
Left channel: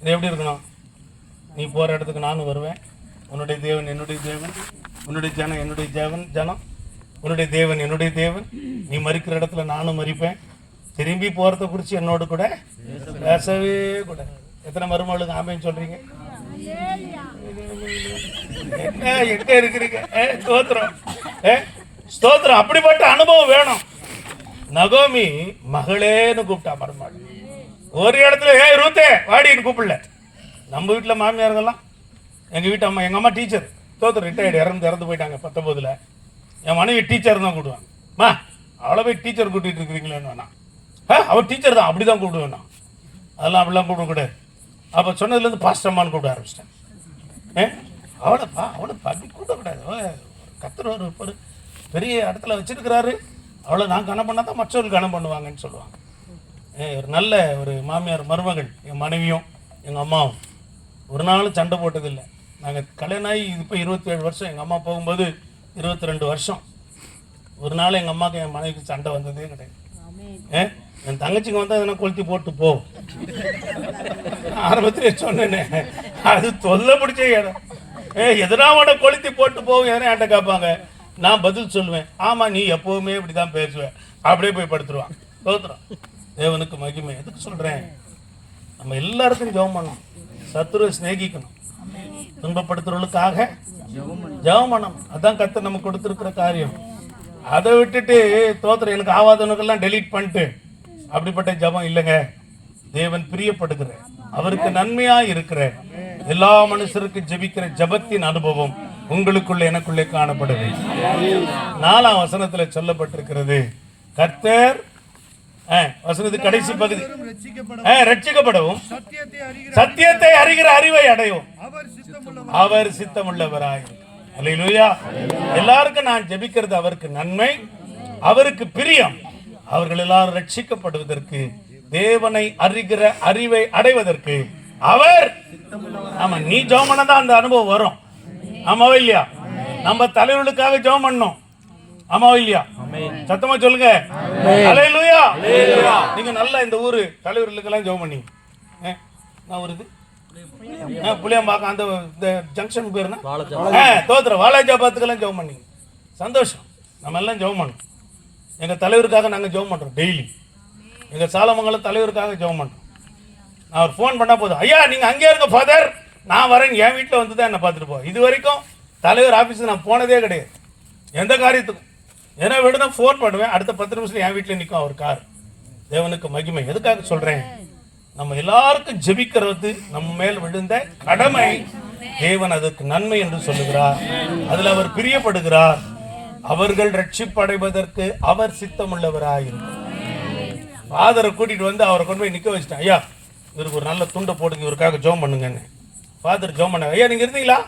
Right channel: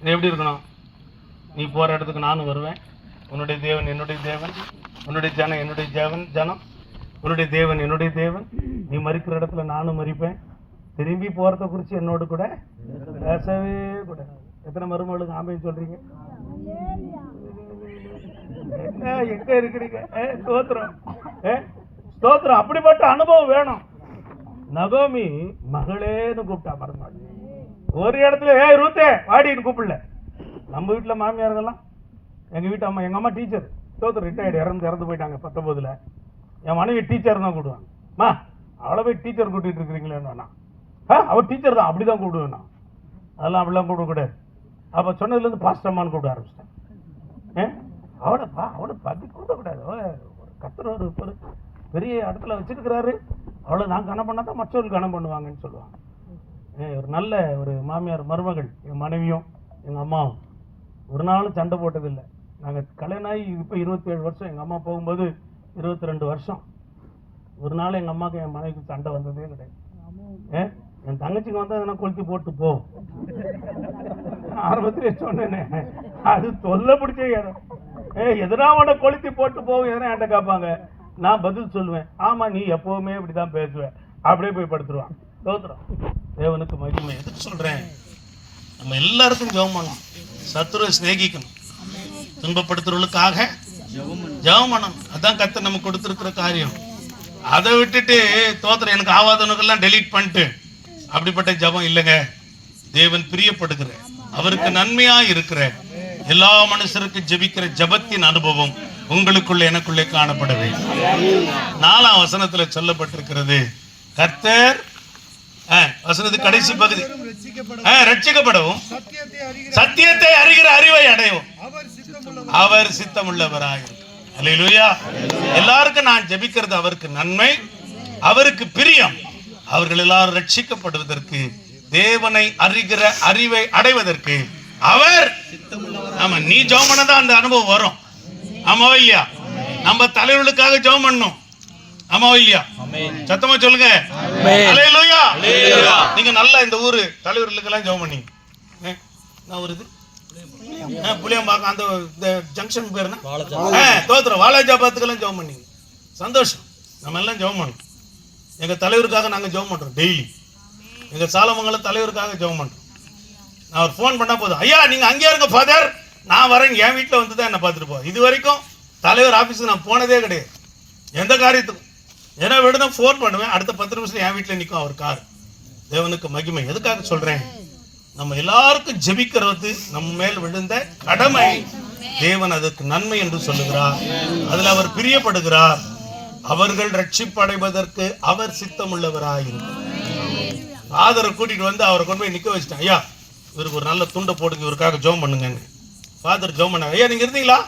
இது எப்படி இருக்கணும்? நீ போகிற இடத்துக்கு நானும் வருவேன். உன்னுடைய தேவன் என்னுடைய தேவன், உன்னுடைய ஜனம் என்னுடைய ஜனம், உன்னுடைய தேவன் என்னுடைய தேவன். நீ மறிக்கிற இடத்துல நானும் மறிப்பேன். திரும்பி போகிறத குறித்து என்னோடு கூட பேசவே கூட. எத்தனை மருமகளுக்கு ஆமைன்னு சொல்கிறீங்க? எங்க இருக்கிறீங்க? ஸ்தோத்திரம், ஸ்தோத்திரம். அப்படிப்பட்ட அனுபவம் வேணும். நகோமி மகளேன்னு கூப்பிட்டா மருமகள். ஒரு இடத்துல ரூத்தே வாடின்னு கூப்பிடல. நம்ம வீட்டில் மாமியாருங்கெல்லாம், எங்கள் வீட்டு அம்மா, எங்கள் அம்மா டீச்சர், ஸ்தோத்திரம், ரிட்டையர்டு, இறந்து போயிட்டாங்க 19. என் மனைவி டீச்சர் தான் கூப்பிடுவாங்க. மா அவளை போய் டீச்சர் கூட்டிகிட்டு இருக்கிறீங்களேன்னு வேணாம். அவள் டீச்சர் தான், அப்படி தான் கூப்பிடுவேன். அதெல்லாம் அப்படிலாம் கூப்பிடக்கூடாது. அப்போ சொன்னதுலேருந்து பாஸ்டம்மான்னு கூப்பிட ஆரம்பிச்சிட்டேன். அவளைப்பா அப்படி கூப்பிடக்கூடாது. கர்த்தர் ஒரு பெரிய இடத்துல வச்சிருக்கிறாரு, அவளை நான் கனம் பண்ணால் தான் மற்றவர்கள் கனம் பண்ணுவாங்கன்னு சொல்லுவாங்க. ஒரு நல்ல ஒரு மாமியார் மருமகள். என் மனைவியும் எங்கள் அம்மாவும் ஒரு நாளும் சண்டை போட்டதில்லை. நாங்கள் கல்யாணம் ஆகி இப்போ 27 வருஷம். எங்கள் அம்மா போகும்போது 22 வருஷம். ஒரு நாள் எங்கள் அம்மாவுக்கு என் மனைவிக்கு சண்டை வந்ததே கிடையாது. என் தங்கச்சிக்கு வந்தால் எதனா கொளுத்தி போட்டு போகும். ஆரம்பத்திலே சொன்னேனே, அது தொல்லை பிடிச்ச இடம். எதனா உட கொளுத்தி போட்டு போகும். எதனா என்கிட்ட கேட்பாங்க, நான் பதில் சொல்லுவேன், ஆமாம் நீ எப்போவுமே இப்படி தான் பேசுவேன். அப்படியே போய் படுத்துருவான். தோத்துறோம். தேவனுக்கு மகிமை. எதுக்கு சொல்கிறேன்? நம்ம எல்லாருக்கும் ஜெபம் பண்ணணும். சத்துருவை சிநேகிக்கணும். துன்பப்படுத்துறவர்களுக்காக ஜெபம் பண்ணணும். அதான் கர்த்தர் நமக்கு கொடுத்துருக்கிற காரியம். அதை விட்டுட்டு தோத்திரம் எனக்கு ஆவாதவனுக்கெல்லாம் டெலீட் பண்ணிட்டு அப்படிப்பட்ட ஜெபம் இல்லைங்க. தேவன் பிரியப்படுகிற, அவருக்கு நன்மையா இருக்கிற எல்லா மனுஷருக்கு ஜெபிக்கிற ஜெபத்தின் அனுபவம் உங்களுக்குள்ள எனக்குள்ளே காணப்படவே. 4ஆம் வசனத்துல சொல்லப்பட்டிருக்கிறது, கர்த்தர் வசனத்து கடைசி பகுதி, ரட்சிக்கப்படவும் சத்தியத்தை அறிகிற அறிவை அடையும் அவர் சித்தமுள்ளவராய். அல்லேலூயா. எல்லாருக்கும் நான் ஜெபிக்கிறது அவருக்கு நன்மை, அவருக்கு பிரியம். அவர்கள் எல்லாரும் ரட்சிக்கப்படுவதற்கு, தேவனை அறிகிற அறிவை அடைவதற்கு அவர். ஆமா, நீ ஜெபம் பண்ணதான் அந்த அனுபவம் வரும். ஆமாவா இல்லையா? நம்ம தலைவர்களுக்காக ஜெபம் பண்ணோம். ஆமாவா இல்லையா? சத்தமா சொல்லுங்க. அல்லேலூயா. நீங்க நல்லா இந்த ஊரு தலைவர்களுக்கெல்லாம் ஜெபம் பண்ணீங்க. நான் ஒரு இது புளியம்பாக்கம் அந்த ஜங்ஷன் பேர் என்ன? தோத்திரம் வாலாஜாபாத்துக்கெல்லாம் ஜெபம் பண்ணீங்க. சந்தோஷம். நம்ம எல்லாம் ஜெபம் பண்ணோம். எங்க தலைவருக்காக நாங்கள் ஜெபம் பண்றோம். டெய்லி எங்க சாலமங்கலம் தலைவருக்காக ஜெபம் பண்றோம். நான் ஒரு ஃபோன் பண்ணா போதும், ஐயா நீங்க அங்கே இருங்க ஃபாதர், நான் வரேன், என் வீட்டில் வந்து தான் என்ன பார்த்துட்டு போ. இது வரைக்கும் தலைவர் ஆஃபீஸுக்கு நான் போனதே கிடையாது. எந்த காரியத்துக்கும் ஏன்னா விட ஃபோன் பண்ணுவேன், அடுத்த 10 நிமிஷம் என் வீட்டில் நிற்கும் அவர் கார். தேவனுக்கு மகிமை. எதுக்காக சொல்றேன்? நம்ம எல்லாருக்கும் ஜெபிக்கிறது நம்ம மேல் விழுந்த கடமை. தேவன் அதற்கு நன்மை என்று சொல்லுகிறார். அதில் அவர் பிரியப்படுகிறார். அவர்கள் ரட்சிப்படைவதற்கு அவர் சித்தமுள்ளவராயிருக்கிறார். ஃபாதரை கூட்டிட்டு வந்து அவரை கொண்டு போய் நிற்க வச்சுட்டேன். ஐயா இவருக்கு ஒரு நல்ல துண்டை போடுங்க, இவருக்காக ஜெபம் பண்ணுங்கன்னு. ஃபாதர் ஜெபம் பண்ணார். ஐயா நீங்க இருந்தீங்களா?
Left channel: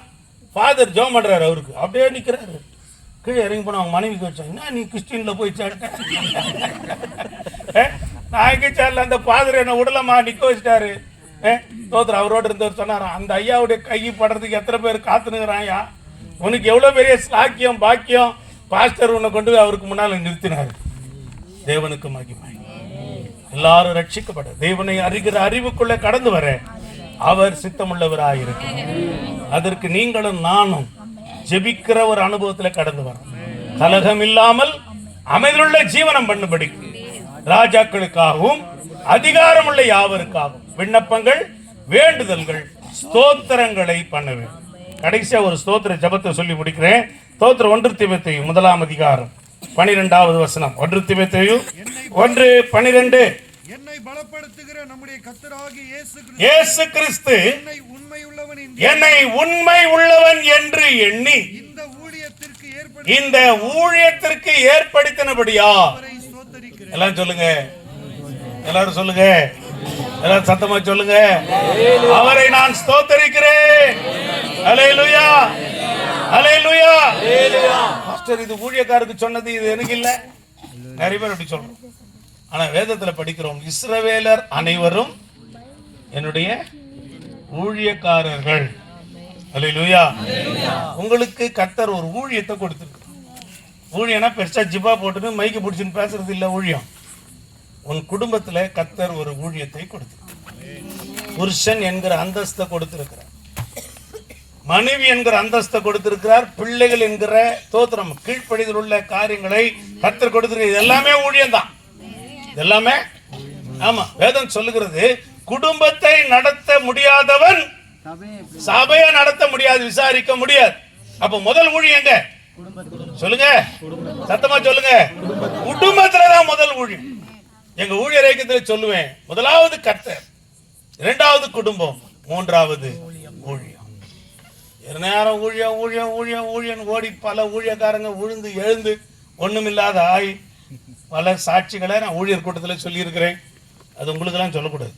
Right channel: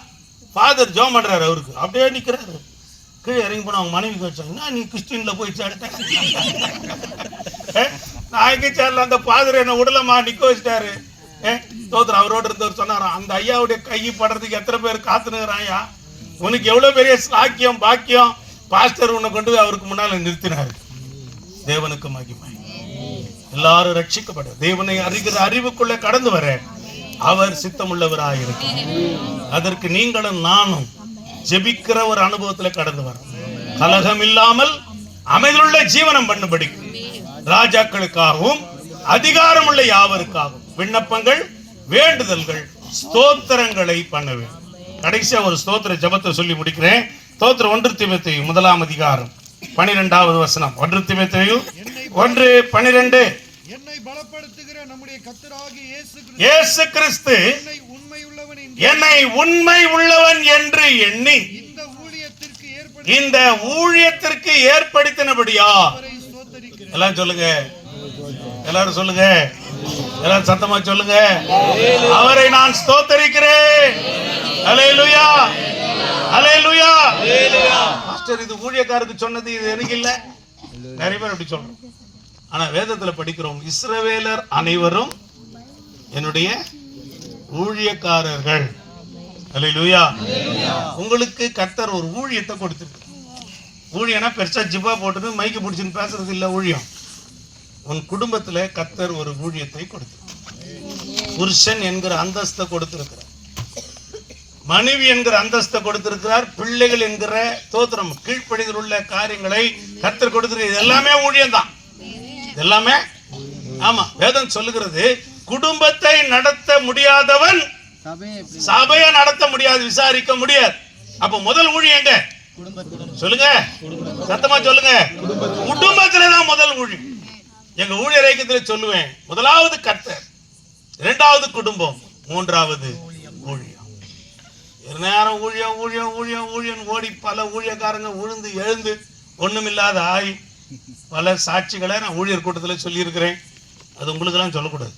ஃபாதர் ஜெபம் பண்றாரு. அவருக்கு அப்படியே நிற்கிறாரு. கீழே இறங்கி போன அவங்க மனைவிக்கு வச்சாங்க, நீ கிறிஸ்டின்ல போய் சேர்ட்டேன். நான் எங்கே சேரல, அந்த ஃபாதர் என்ன உடலமா நிற்க வச்சுட்டாரு. தோத்திரம். அவரோடு இருந்தவர் சொன்னாராம், அந்த ஐயாவுடைய கை படுறதுக்கு எத்தனை பேர் காத்துனுங்கிறான் ஐயா, உனக்கு எவ்வளோ பெரிய சாக்கியம் பாக்கியம். பாஸ்டர் உன்னை கொண்டு போய் அவருக்கு முன்னால் நிறுத்தினார். தேவனுக்கு மகிமை. எல்லாரும் ரட்சிக்கப்பட, தேவனை அறிகிற அறிவுக்குள்ளே கடந்து வர அவர் சித்தமுள்ளவராயிருக்கிறார். அதற்கு நீங்களும் நானும் ஜெபிக்கிற ஒரு அனுபவத்தில் கடந்து வரோம். கலகம் இல்லாமல் அமைதியுள்ள ஜீவனம் பண்ணும்படி ராஜாக்களுக்காகவும் அதிகாரம் உள்ள யாவருக்காகவும் விண்ணப்பங்கள் வேண்டுதல்கள் ஸ்தோத்திரங்களை பண்ண வேண்டும். கடைசியா ஒரு ஸ்தோத்திர ஜெபத்தை சொல்லி முடிக்கிறேன். ஸ்தோத்திரம் 1 தீமோத்தேயு 1 அதிகாரம் 12வது வசனம். 1 தீமோத்தேயு 1:12. என்னை பலப்படுத்துகிற நம்முடைய கர்த்தராகிய இயேசு கிறிஸ்து என்னை உண்மை உள்ளவன் என்று எண்ணி இந்த ஊழியத்திற்கு ஏற்படுத்தினபடியா. எல்லாம் சொல்லுங்க, எல்லாரும் சொல்லுங்க, எல்லாரும் சத்தமா சொல்லுங்க, அவரை நான் ஸ்தோத்தரிக்கிறேன். அல்லேலூயா, அல்லேலூயா. மாஸ்டர், இது ஊழியக்காரருக்கு சொன்னது, இது எனக்கு இல்ல. நிறைய பேர் அப்படி சொல்றோம். ஆனா வேதத்துல படிக்கிறோம், இஸ்ரவேலர் அனைவரும் என்னுடைய ஊழியக்காரர்கள். அல்லேலூயா. உங்களுக்கு கர்த்தர் ஒரு ஊழியத்தை கொடுத்திருக்கிறார். ஊழியனா பெருசா ஜிப்பா போட்டு மைக்கு பிடிச்சின்னு பேசுறது இல்ல ஊழியம். உன் குடும்பத்துல கர்த்தர் ஒரு ஊழியத்தை கொடுத்திருக்கிறார். புருஷன் என்கிற அந்தஸ்தை கொடுத்திருக்கிறார், மனைவி என்கிற அந்தஸ்தை கொடுத்திருக்கிறார், பிள்ளைகள் என்கிற தோத்திரம் கீழ்ப்படிதல் உள்ள காரியங்களை கர்த்தர் கொடுத்திருக்கிறார். இது எல்லாமே ஊழியம் தான், எல்லாமே. ஆமா, வேதம் சொல்லுகிறது, குடும்பத்தை நடத்த முடியாதவன் சபையை நடத்த முடியாது, விசாரிக்க முடியாது. அப்ப முதல் ஊழியங்க சொல்லுங்க, சத்தமா சொல்லுங்க, குடும்பத்துலதான் முதல் ஊழியம். எங்க ஊழியர் ஐக்கியத்தில் சொல்லுவேன், முதலாவது கர்த்தர், இரண்டாவது குடும்பம், மூன்றாவது ஊழியம். நேரம் ஊழியம் ஊழியம் ஊழியம் ஊழியம் ஓடி பல ஊழியக்காரங்க உழுந்து எழுந்து ஒண்ணுமில்லாத ஆய் பல சாட்சிகளை நான் ஊழியர் கூட்டத்தில் சொல்லி இருக்கிறேன். அது உங்களுக்கெல்லாம் சொல்லக்கூடாது,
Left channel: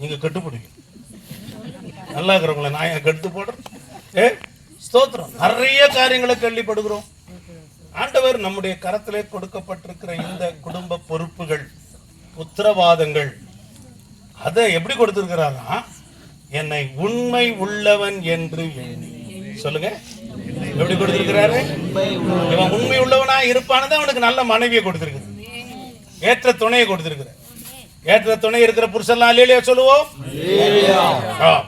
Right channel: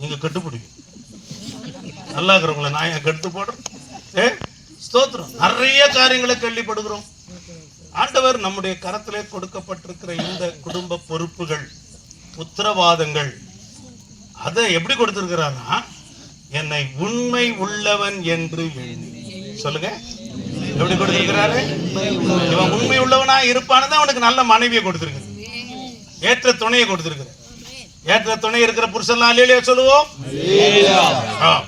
நீங்க கட்டுப்பிடிக்கும். நல்லா இருக்கிறவங்கள நான் என் கெடுத்து போடுறேன். ஸ்தோத்திரம். நிறைய காரியங்களை கேள்விப்படுகிறோம். ஆண்டவர் நம்முடைய கரத்திலே கொடுக்கப்பட்டிருக்கிற இந்த குடும்ப பொறுப்புகள், உத்தரவாதங்கள், அதை எப்படி கொடுத்திருக்கிறாரா? என்னை உண்மை உள்ளவன் என்று எண்ணி. சொல்லுங்க, எப்படி கொடுத்திருக்கிறாரு? இவன் உண்மை உள்ளவனா இருப்பானதான் அவனுக்கு நல்ல மனைவியை கொடுத்திருக்கிறார், ஏற்ற துணையை கொடுத்திருக்கிறார். ஏற்ற துணை இருக்கிற புருஷன்லாம் இல்லையா சொல்லுவோம்?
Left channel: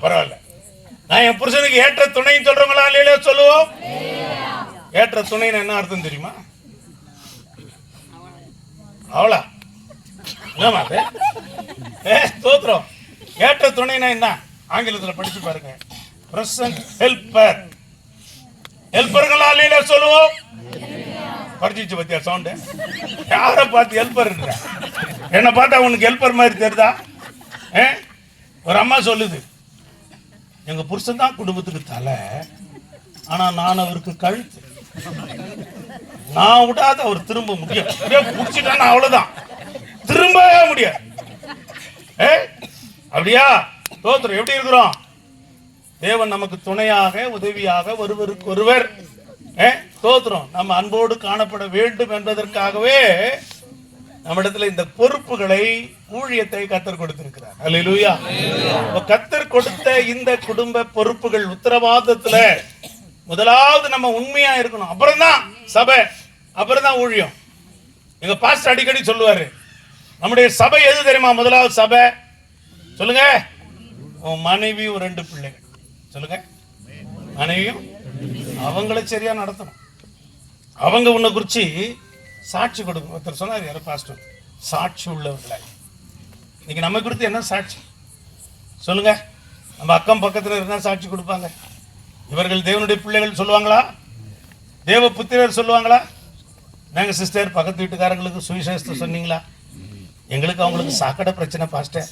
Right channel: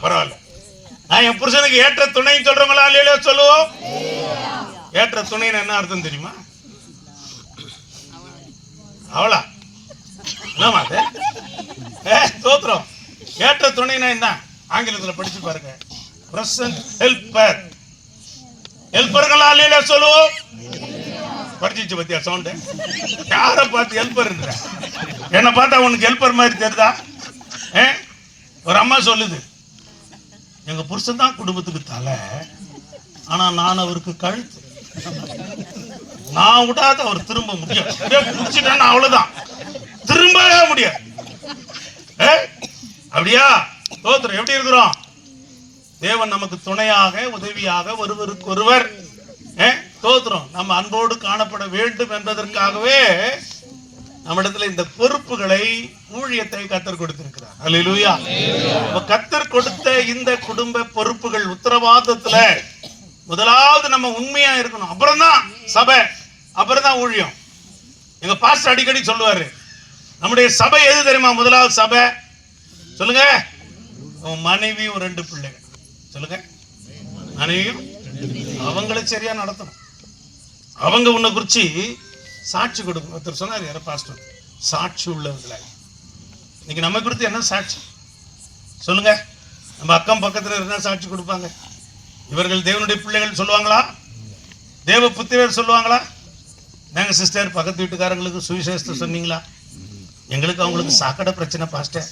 பரவாயில்ல, நான் என் புருஷனுக்கு ஏற்ற துணை சொல்றவங்களா இல்லையா சொல்லுவோம்? ஏற்ற துணைன்னு என்ன அர்த்தம் தெரியுமா? அவளா என்னமா தோத்திரம். ஏற்ற துணைனா என்ன? ஆங்கிலத்தில் படிச்சு பாருங்க, பிரசன்ட் ஹெல்பர். ஹெல்பர்களா இல்லையா சொல்லுவோம்? படிச்சிச்சு பத்தியா சவுண்டு? யாரை பார்த்து ஹெல்பர்ன்ற? என்ன பார்த்தா உனக்கு ஹெல்பர் மாதிரி தெரியுதா? ஒரு அம்மா சொல்லுது, எங்க புருஷன் தான் குடும்பத்துக்கு தலை, ஆனா நான் அவருக்கு கழுத்து. நான் விடாத அவர் திரும்ப முடியும், முடிச்சுட்டேன்னா அவ்வளவுதான், திரும்ப முடியாது. அப்படியா? தோத்திரம். எப்படி இருக்கிறோம்? தேவன் நமக்கு துணையாக, உதவியாக, ஒருவருக்கு ஒருவர் தோத்திரம் நம்ம அன்போடு காணப்பட வேண்டும் என்பதற்காகவே நம்மிடத்துல இந்த பொறுப்புகளை, ஊழியத்தை கர்த்தர் கொடுத்திருக்கிறார். அல்லேலூயா. கர்த்தர் கொடுத்த இந்த குடும்ப பொறுப்புகள், உத்தரவாதத்துல முதலாவது நம்ம உண்மையா இருக்கணும், அப்புறம் தான் சபை, அப்புறம் தான் ஊழியம். எங்க பாஸ்டர் அடிக்கடி சொல்லுவாரு, நம்முடைய சபை எது தெரியுமா? முதலாவது சபை சொல்லுங்க, உன் மனைவி, ஒரு 2 பிள்ளைகள். சொல்லுங்க, மனைவியும் அவங்கள சரியா நடத்தணும். அவங்க உன்னை குறிச்சு சாட்சி கொடுக்கணும். ஒருத்தர் சொன்னார், யார பாஸ்டர், சாட்சி உள்ளவர்களாய். இன்னைக்கு நம்ம கொடுத்து என்ன சாட்சி சொல்லுங்க? நம்ம அக்கம் பக்கத்தில் இருந்தா சாட்சி கொடுப்பாங்க. இவர்கள் தேவனுடைய பிள்ளைகள் சொல்லுவாங்களா? தேவ புத்திரர் சொல்லுவாங்களா? நாங்கள் சிஸ்டர் பக்கத்து வீட்டுக்காரங்களுக்கு சுவிசேஷத்தை சொன்னீங்களா? எங்களுக்கு அவங்களுக்கு சாக்கடை பிரச்சனை பாஸ்டர்,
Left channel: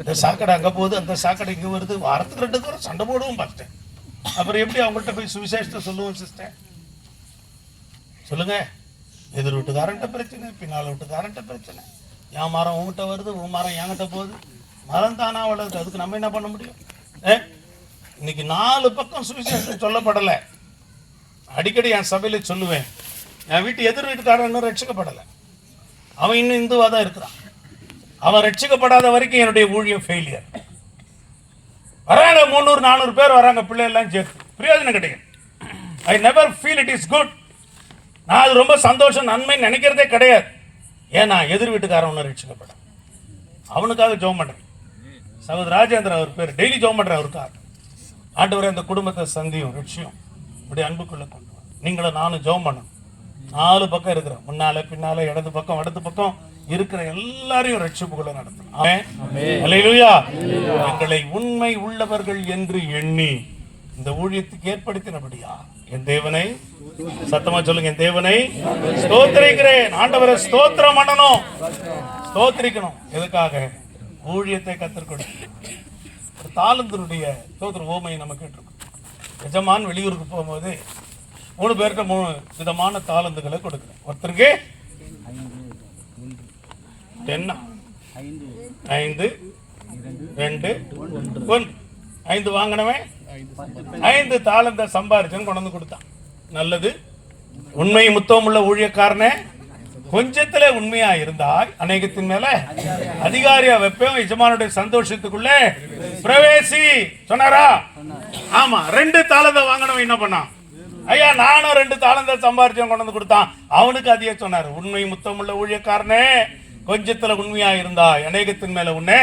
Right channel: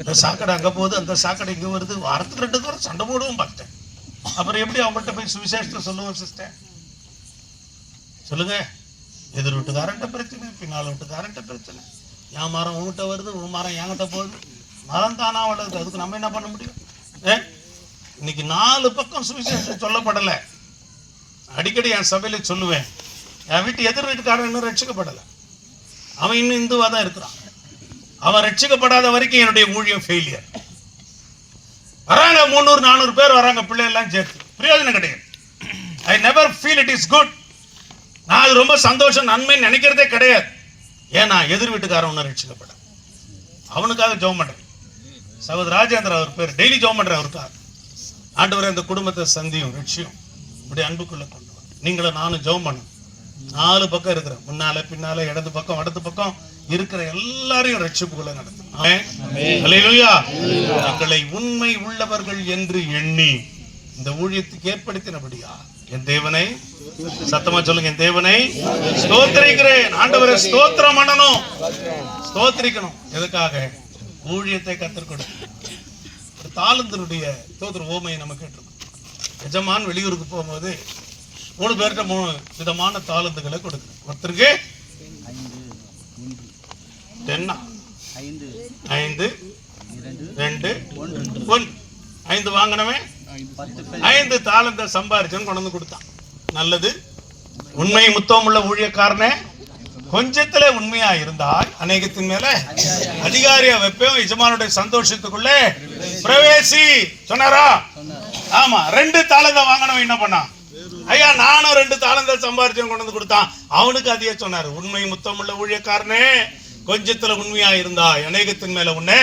இந்த சாக்கடை அங்கே போகுது, அந்த சாக்கடை இங்கே வருது, வாரத்துக்கு 2 தடவை சண்டை போடுவோம் பாஸ்டர். அப்புறம் எப்படி அவங்கள்ட்ட போய் சுவிசேஷத்தை சொல்லுவோம் சிஸ்டர்? சொல்லுங்க. எதிர் வீட்டுக்காரன்ட்ட பிரச்சனை, பின்னால் வீட்டுக்காரன்ட்ட பிரச்சனை, என் மரம் உங்ககிட்ட வருது, உன் மரம் என்கிட்ட போகுது. மரம் தானா வளருது, அதுக்கு நம்ம என்ன பண்ண முடியும்? இன்னைக்கு 4 பக்கம் சுவிசேஷம் சொல்லப்படலை. அடிக்கடி என் சபையில சொல்லுவேன், என் வீட்டு எதிர் வீட்டுக்காரன் இன்னும் ரட்சிக்கப்படலை, அவன் இன்னும் இந்துவா தான் இருக்கிறான். அவன் ரட்சிக்கப்படாத வரைக்கும் என்னுடைய ஊழியம் ஃபெயிலியர். வராங்க 300-400 பேர் வராங்க, பிள்ளை எல்லாம் சேர்த்து, பிரயோஜனம் கிடையாது. I never feel it is good. நான் அது ரொம்ப சந்தோஷம், நன்மை நினைக்கிறதே கிடையாது. ஏன்னா எதிர் வீட்டுக்காரன் ஒன்று ரட்சிக்கப்பட, அவனுக்காக ஜெபம் பண்றேன். சகோதர ராஜேந்திர அவர் பேர், டெய்லி ஜெபம் பண்றேன் அவருக்காக. ஆண்டவரே, அந்த குடும்பத்தை சந்தியும் ரட்சியும் இப்படி அன்புக்குள்ள கொண்டு வா. நீங்களும் நானும் ஜெபம் பண்ணணும். 4 பக்கம் இருக்கிற, முன்னால பின்னால, இடது பக்கம் வடது பக்கம் இருக்கிற எல்லாரையும் ரட்சிப்புக்குள்ள நடத்தணும். அல்லேலூயா. எங்களை உண்மை உள்ளவர்கள் என்று எண்ணி இந்த ஊழியத்துக்கு ஏற்படுத்தினபடியா என் தேவனை, சத்தமா சொல்லுங்க, என் தேவனை ஸ்தோத்திரிக்கிறேன். ஆண்டவரை ஸ்தோத்திரம் பண்ணணும், ஸ்தோத்திரிக்கணும். எதுக்காக? ஊழியத்தை கற்றுக்கொடுக்கணும். ஒரு தாளந்தனுடைய ஸ்தோத்திர ஓமையை நம்ம கேட்டிருக்கோம். எஜமான் வெளியூருக்கு போகும்போது 3 பேர்கிட்ட 3 விதமான தாளந்துகளை கொடுக்குறேன். ஒருத்தருக்கு 10, 5, 2, 1. 5 வாங்கினவன் 5 தாளந்த சம்பாரிச்சன்னு கொண்டு வந்து கொடுத்தான். நல்லது. உண்மை முத்தம் உள்ள ஊழியக்காரனே, கொஞ்சத்துல உண்மையா இருந்தாய் அநேகத்தின் மேல அதிகாரியா வைப்பேன், எஜமானுடைய சந்தோஷத்துக்குள்ளே பிரவேசி சொன்னாரா? ஆமா. 2 தாளந்த வாங்கினவன் என்ன பண்ணான்? ஐயா நானும் 2 தாளந்த சம்பாரிச்சவன் கொண்டு வந்து கொடுத்தான். அவனுக்கு அதையே சொன்னாரு, உண்மை முத்தம் உள்ள ஊழியக்காரனே, கொஞ்சத்துல உண்மையா இருந்தாய் அநேகத்தின் மேல உன்னை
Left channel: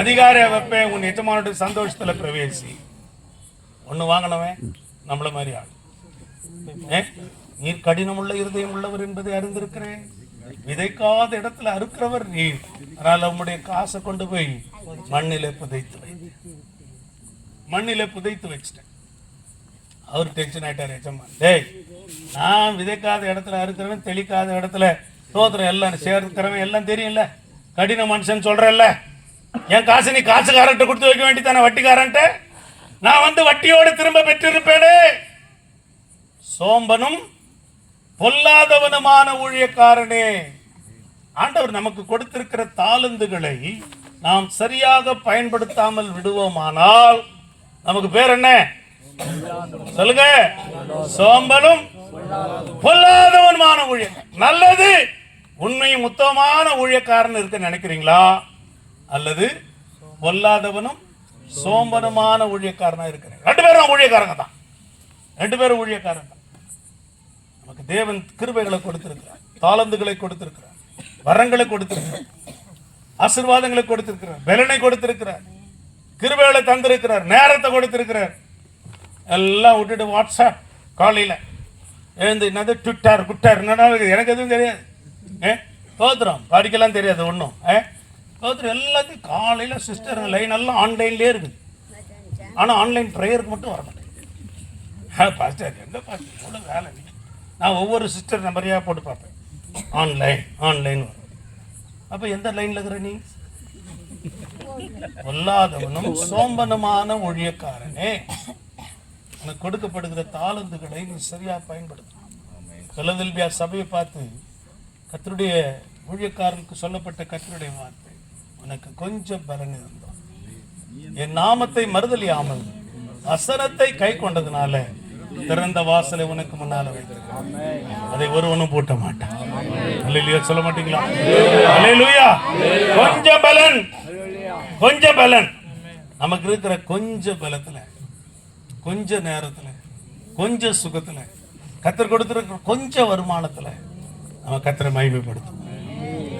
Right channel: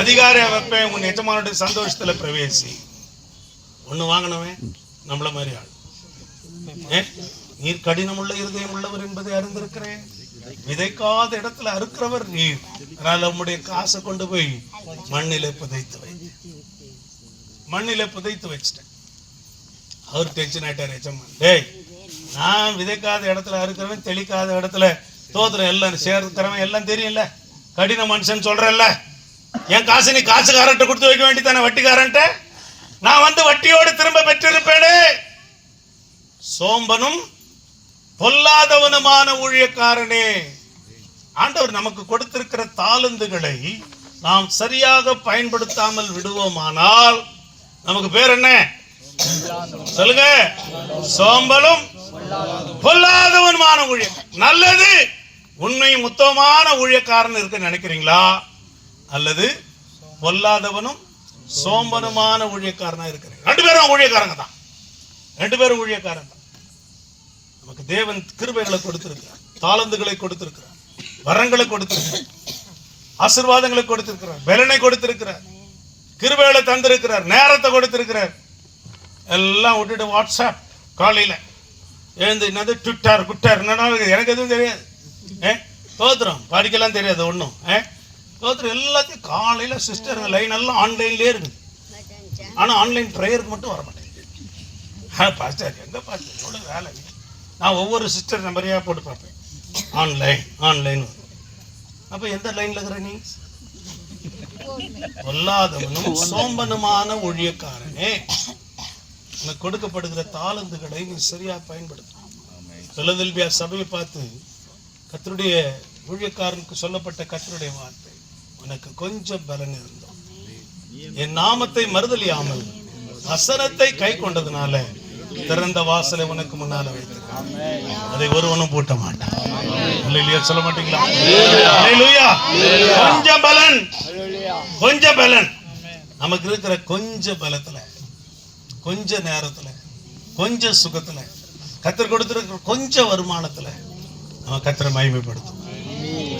அதிகாரியா வைப்பேன், உன் எஜமானுடைய சந்தோஷத்துல பிரவேசி. ஒண்ணு வாங்கினவன் நம்மள மாதிரி ஆள். நீர் கடினம் உள்ள இருதயம் உள்ளவர் என்பதை அறிந்திருக்கிறேன். விதைக்காத இடத்துல அறுக்கிறவர் நீர். அதனால உம்முடைய காசை கொண்டு போய் மண்ணில புதைத்து வை. மண்ணில புதைத்து வச்சிட்டேன். அவர் டென்ஷன் ஆயிட்டார் எஜமான். டேய், நான் விதைக்காத இடத்துல அறுக்கிறவன், தெளிக்காத இடத்துல தோத்திரம் எல்லாம் சேர்க்கிறவன் எல்லாம் தெரியும்ல, கடின மனுஷன் சொல்றல்ல, என் காசு நீ காசுக்காரன்ட்ட கொடுத்து வைக்க வேண்டியதானே, வட்டிக்காரன்ட்ட. நான் வந்து வட்டியோடு திரும்ப பெற்றிருப்பேனே. சோம்பனும் பொல்லாதவனுமான ஊழியக்காரனே. ஆண்டவர் நமக்கு கொடுத்திருக்கிற தாளந்துகளை நாம் சரியாக பயன்படுத்தாமல் விடுவோமானால் நமக்கு பேர் என்ன சொல்லுங்க? சோம்பலும் பொல்லாதவனுமான ஊழியக்காரன். நல்லது. உண்மை முத்தமான ஊழியக்காரன் இருக்க நினைக்கிறீங்களா? அல்லது பொல்லாதவனும் சோம்பனுமான ஊழியக்காரனா இருக்கிறேன்? 2 பேரும் ஊழியக்காரங்க தான். 2 பேரும் ஊழியக்காரன் தான். நமக்கு தேவன் கிருபைகளை கொடுத்திருக்கிறார், தாளந்துகளை கொடுத்திருக்கிறார், வரங்களை கொடுத்திருக்கிறார், ஆசீர்வாதங்களை கொடுத்திருக்கிறார், பலனை கொடுத்திருக்கிறார், கிருபைகளை தந்திருக்கிறார், நேரத்தை கொடுத்திருக்கிறார். எல்லாம் விட்டுட்டு வாட்ஸ்அப் காலையில எழுந்து என்னது ட்விட்டர் குட்டர் என்னன்னா எனக்கு எதுவும் தெரியாது. தோத்திரம் படிக்கலாம் தெரியாது ஒன்றும். தோத்திரம் எல்லாத்தையும் காலையில சிஸ்டர் லைன் எல்லாம் ஆன்லைன்லேயே இருக்குது. ஆனால் ஆன்லைன் ப்ரேயருக்கு மட்டும் வர மாட்டேன். பாஸ்டர் எங்க பாஸ்டர் எவ்வளோ வேலை. நான் ஒவ்வொரு சிஸ்டர் நம்பரையாக போட்டு பார்ப்பேன். ஆன்லைன் வரும். அப்போ எந்த லைனில் இருக்கிற நீ? பொல்லாதவனும் சோம்பனுமான ஊழியக்காரனே, உனக்கு கொடுக்கப்படுகிற தாளந்துகளை நீ சரியா பயன்படுத்தணும். பிலதெல்பியா சபையை பார்த்து கர்த்தருடைய ஊழியக்காரனுக்கு சொல்லப்பட்ட கர்த்தருடைய வார்த்தை, உனக்கு கொஞ்சம் பலன் இருந்தோம், என் நாமத்தை மறுதலியாமல் வசனத்தை கை கொண்டதுனால திறந்த வாசலை உனக்கு முன்னால வைத்திருக்கான், அதை ஒருவனும் பூட்ட மாட்டான். அல்லேலூயா சொல்ல மாட்டீங்களா? அல்லேலூயா. கொஞ்சம் பலன், கொஞ்சம் பலன். நமக்கு இருக்கிற கொஞ்ச பலத்துல, கொஞ்ச நேரத்துல, கொஞ்ச சுகத்துல, கர்த்தர் கொடுத்திருக்கிற கொஞ்ச வருமானத்துல நம்ம கர்த்தரை மகிமைப்படுத்தும்,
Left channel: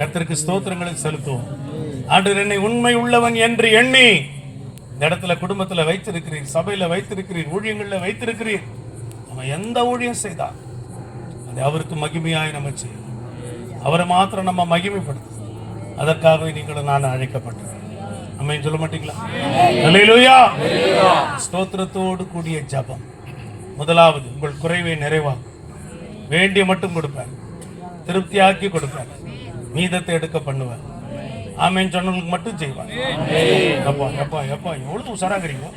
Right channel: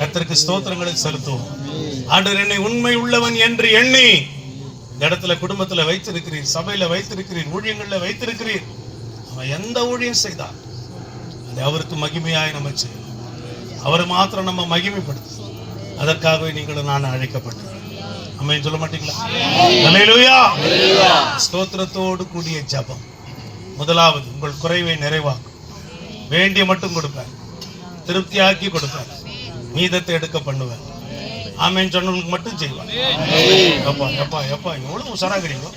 கர்த்தருக்கு ஸ்தோத்திரங்களை செலுத்துவோம். ஆண்டவர் என்னை உண்மை உள்ளவன் என்று எண்ணி இந்த இடத்துல குடும்பத்துல வைத்திருக்கிறீர், சபையில வைத்திருக்கிறீர், ஊழியங்கள்ல வைத்திருக்கிறீர். நம்ம எந்த ஊழியம் செய்தால் அது அவருக்கு மகிமையாய் நம்ம செய்யும். அவரை மாத்திரம் நம்ம மகிமைப்படுத்தும். அதற்காகவே நீங்களும் நான் அழைக்கப்பட்டேன். ஆமென் சொல்ல மாட்டீங்களா? அல்லேலூயா. ஸ்தோத்திரத்தோடு கூடிய ஜெபம். முதலாவது, உங்கள் குறைவை நிறைவாக்கும். வேண்டிய மட்டும் கொடுப்பார், திருப்தியாக்கி கொடுப்பார், மீதத்தை எடுக்க பண்ணுவார். ஆமேன் சொன்னவங்களுக்கு மட்டும் செய்வார். எப்பா எப்பா எப்பா எவ்வளவு உஷாராகிறீங்களோ,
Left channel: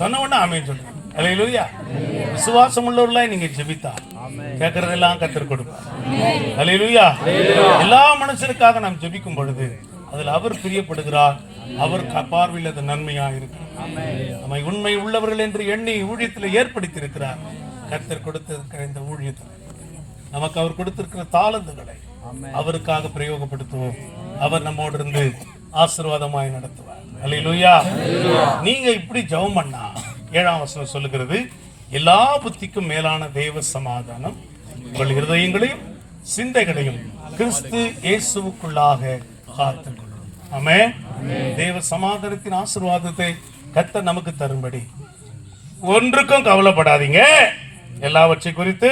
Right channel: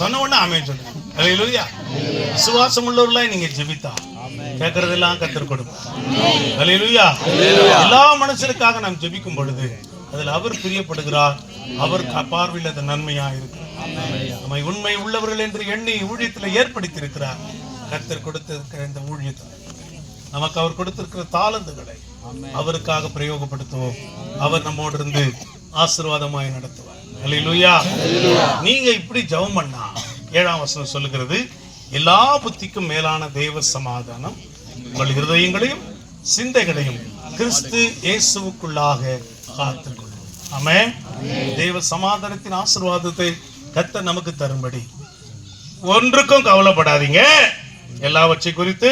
சொன்ன உடனே ஆமேன் சொல்லுங்க. அல்லேலூயா. விசுவாசம் உள்ளவர்களாய் நீங்க ஜெபித்தா கேட்கறதெல்லாம் கர்த்தர் கொடுப்பார். அல்லேலூயா. எல்லா மனுஷருக்காக நாம் ஜெபிக்கும் பொழுது அதில் அவர் பிரியப்படுகிறார், அவர் பார்வையில் அது நன்மையா இருக்கிறார். நம்மை உண்மை உள்ளவர்கள் என்று எண்ணி ஊழியத்தில் ஏற்படுத்தி இருக்கிறார். கர்த்தர் கொடுத்திருக்கிற இந்த ஊழியத்தில் நமக்கு அவர் கொடுத்திருக்கிற தாளந்துகளை அவருக்காக பிரயோகப்படுத்துவோம். அவர் நம்மோடு இருந்து ஆசீர்வாதமாய் நடத்துவார். அல்லேலூயா. நீங்க இப்படி ஜெபம் பண்ணா 7ஆம் வசனம் சொல்லுகிறது, எல்லா புத்திக்கும் மேலான தேவ சமாதானம் உங்கள் இருதயங்களையும் சிந்தைகளையும் கிறிஸ்து இயேசுவுக்குள்ளாக காத்துக்கொள்ளும். ஆமென். தேவ சமாதானத்தின் ஆசீர்வாதத்தை கர்த்தர் நமக்கு தரும்படி ஒன்றுக்கும் கவலைப்படாதீங்க. எல்லாவற்றை குறித்து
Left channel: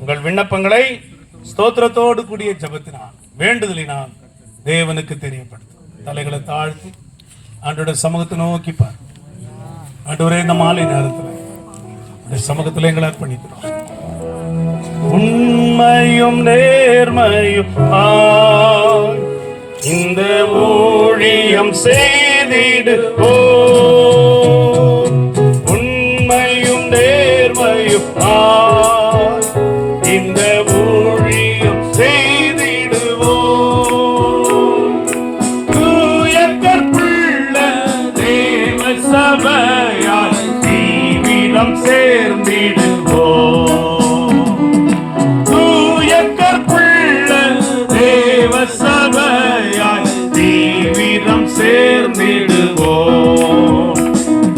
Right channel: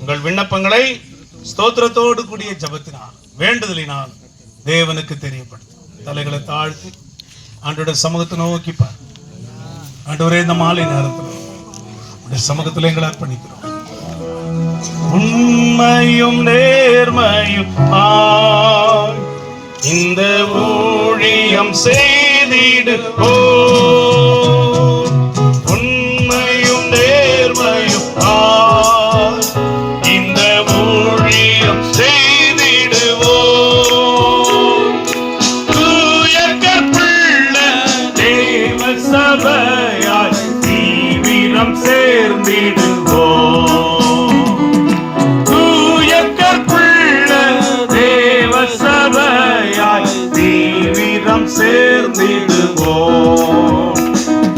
உங்கள் விண்ணப்பங்களை ஸ்தோத்திரத்தோடு கூடிய ஜெபத்தினால் வேண்டுதலினால் தேவனுக்கு தெரியப்படுத்தும். தலைகளை தாழ்த்தி ஆண்டோட சமூகத்தை நோக்கி பார். ஆண்டவரே, இந்த மாலை நேரத்தில் சமூகத்தில் எங்களை அர்ப்பணிக்கிறோம். உண்மையும் நேர்மையும் இந்த ஊழியம் செய்திடுவோ. உண்மையும் நேர்மையும் இந்த ஊழியம் செய்திடுவோ. தூய கற்புள்ள தேவ சபையாய் தீவிரம் சேர்ந்திடுவோ. தூய கற்புள்ள தேவ சபையாய் தீவிரம் சேர்ந்திடுவோ.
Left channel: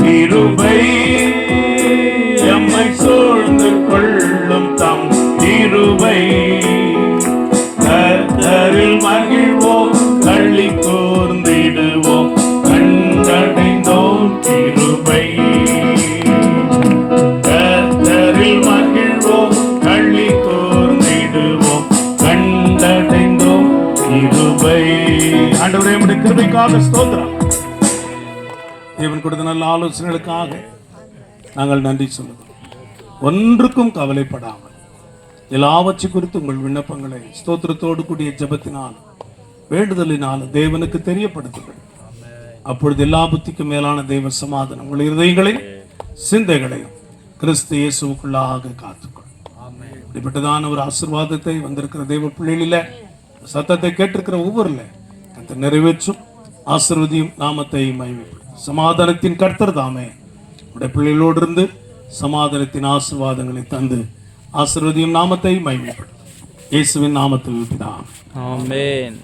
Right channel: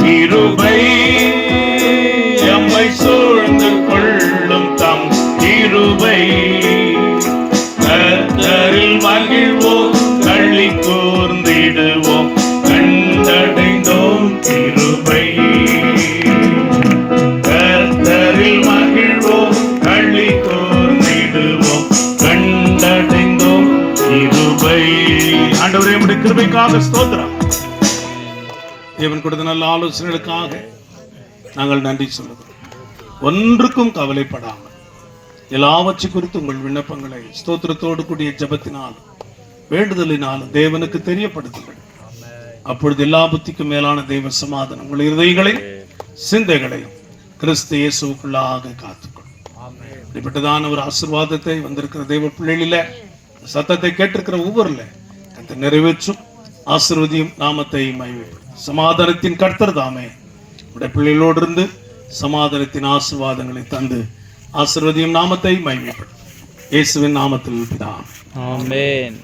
கிருபை எம்மை சூழ்ந்து கொள்ளும் தம் கிருபை. கர்த்தரில் மகிழ்வோம் களி கூர்ந்திடுவோம் கண்டடைந்தோம் கிருபை. கர்த்தரில் மகிழ்வோம் களி கூர்ந்திடுவோம் கண்டடைந்தோம் கிருபை. ஆண்டவரே உம்முடைய கிருபைக்காக ஸ்தோத்திரம். தேவன் கொடுத்த நல்ல ஆலோசனைகளுக்காக நாங்கள் நன்றி சொல்லுகிறோம். ஒன்றுக்கும் கவலைப்படாமல் எல்லாவற்றை குறித்து உங்கள் விண்ணப்பங்களை ஸ்தோத்திரத்தோடு கூடிய ஜெபத்தினால் வேண்டுதலினால் தேவனுக்கு தெரியப்படுத்துங்கள். அப்பொழுது எல்லா புத்திக்கும் மேலான தேவ சமாதானம் உங்கள் இருதயங்களை சிந்தைகளை கிறிஸ்து இயேசுவுக்குள்ளாக காத்துக்கொள்ளும். இப்படிப்பட்டதான ஒரு ஆசீர்வாதத்தை வந்திருக்கிற தேவ பிள்ளைகளில சத்தத்தை கேட்டிருக்கிற ஒவ்வொருல கர்த்தர் நிறைவேற்றும். ஆசீர்வதியும் நாமத்தை மகிமைப்படுத்தும். சமாதானத்தின் கர்த்தர் தாமே உடைய பிள்ளைகளோடு இருந்து சமாதானத்தின் ஆசீர்வாதங்களை தந்து ஆசீர்வதியும் நாமத்தை மகிமைப்படுத்தும். இயேசுவின் நாமத்தில் பிதாவே. ஆமென்.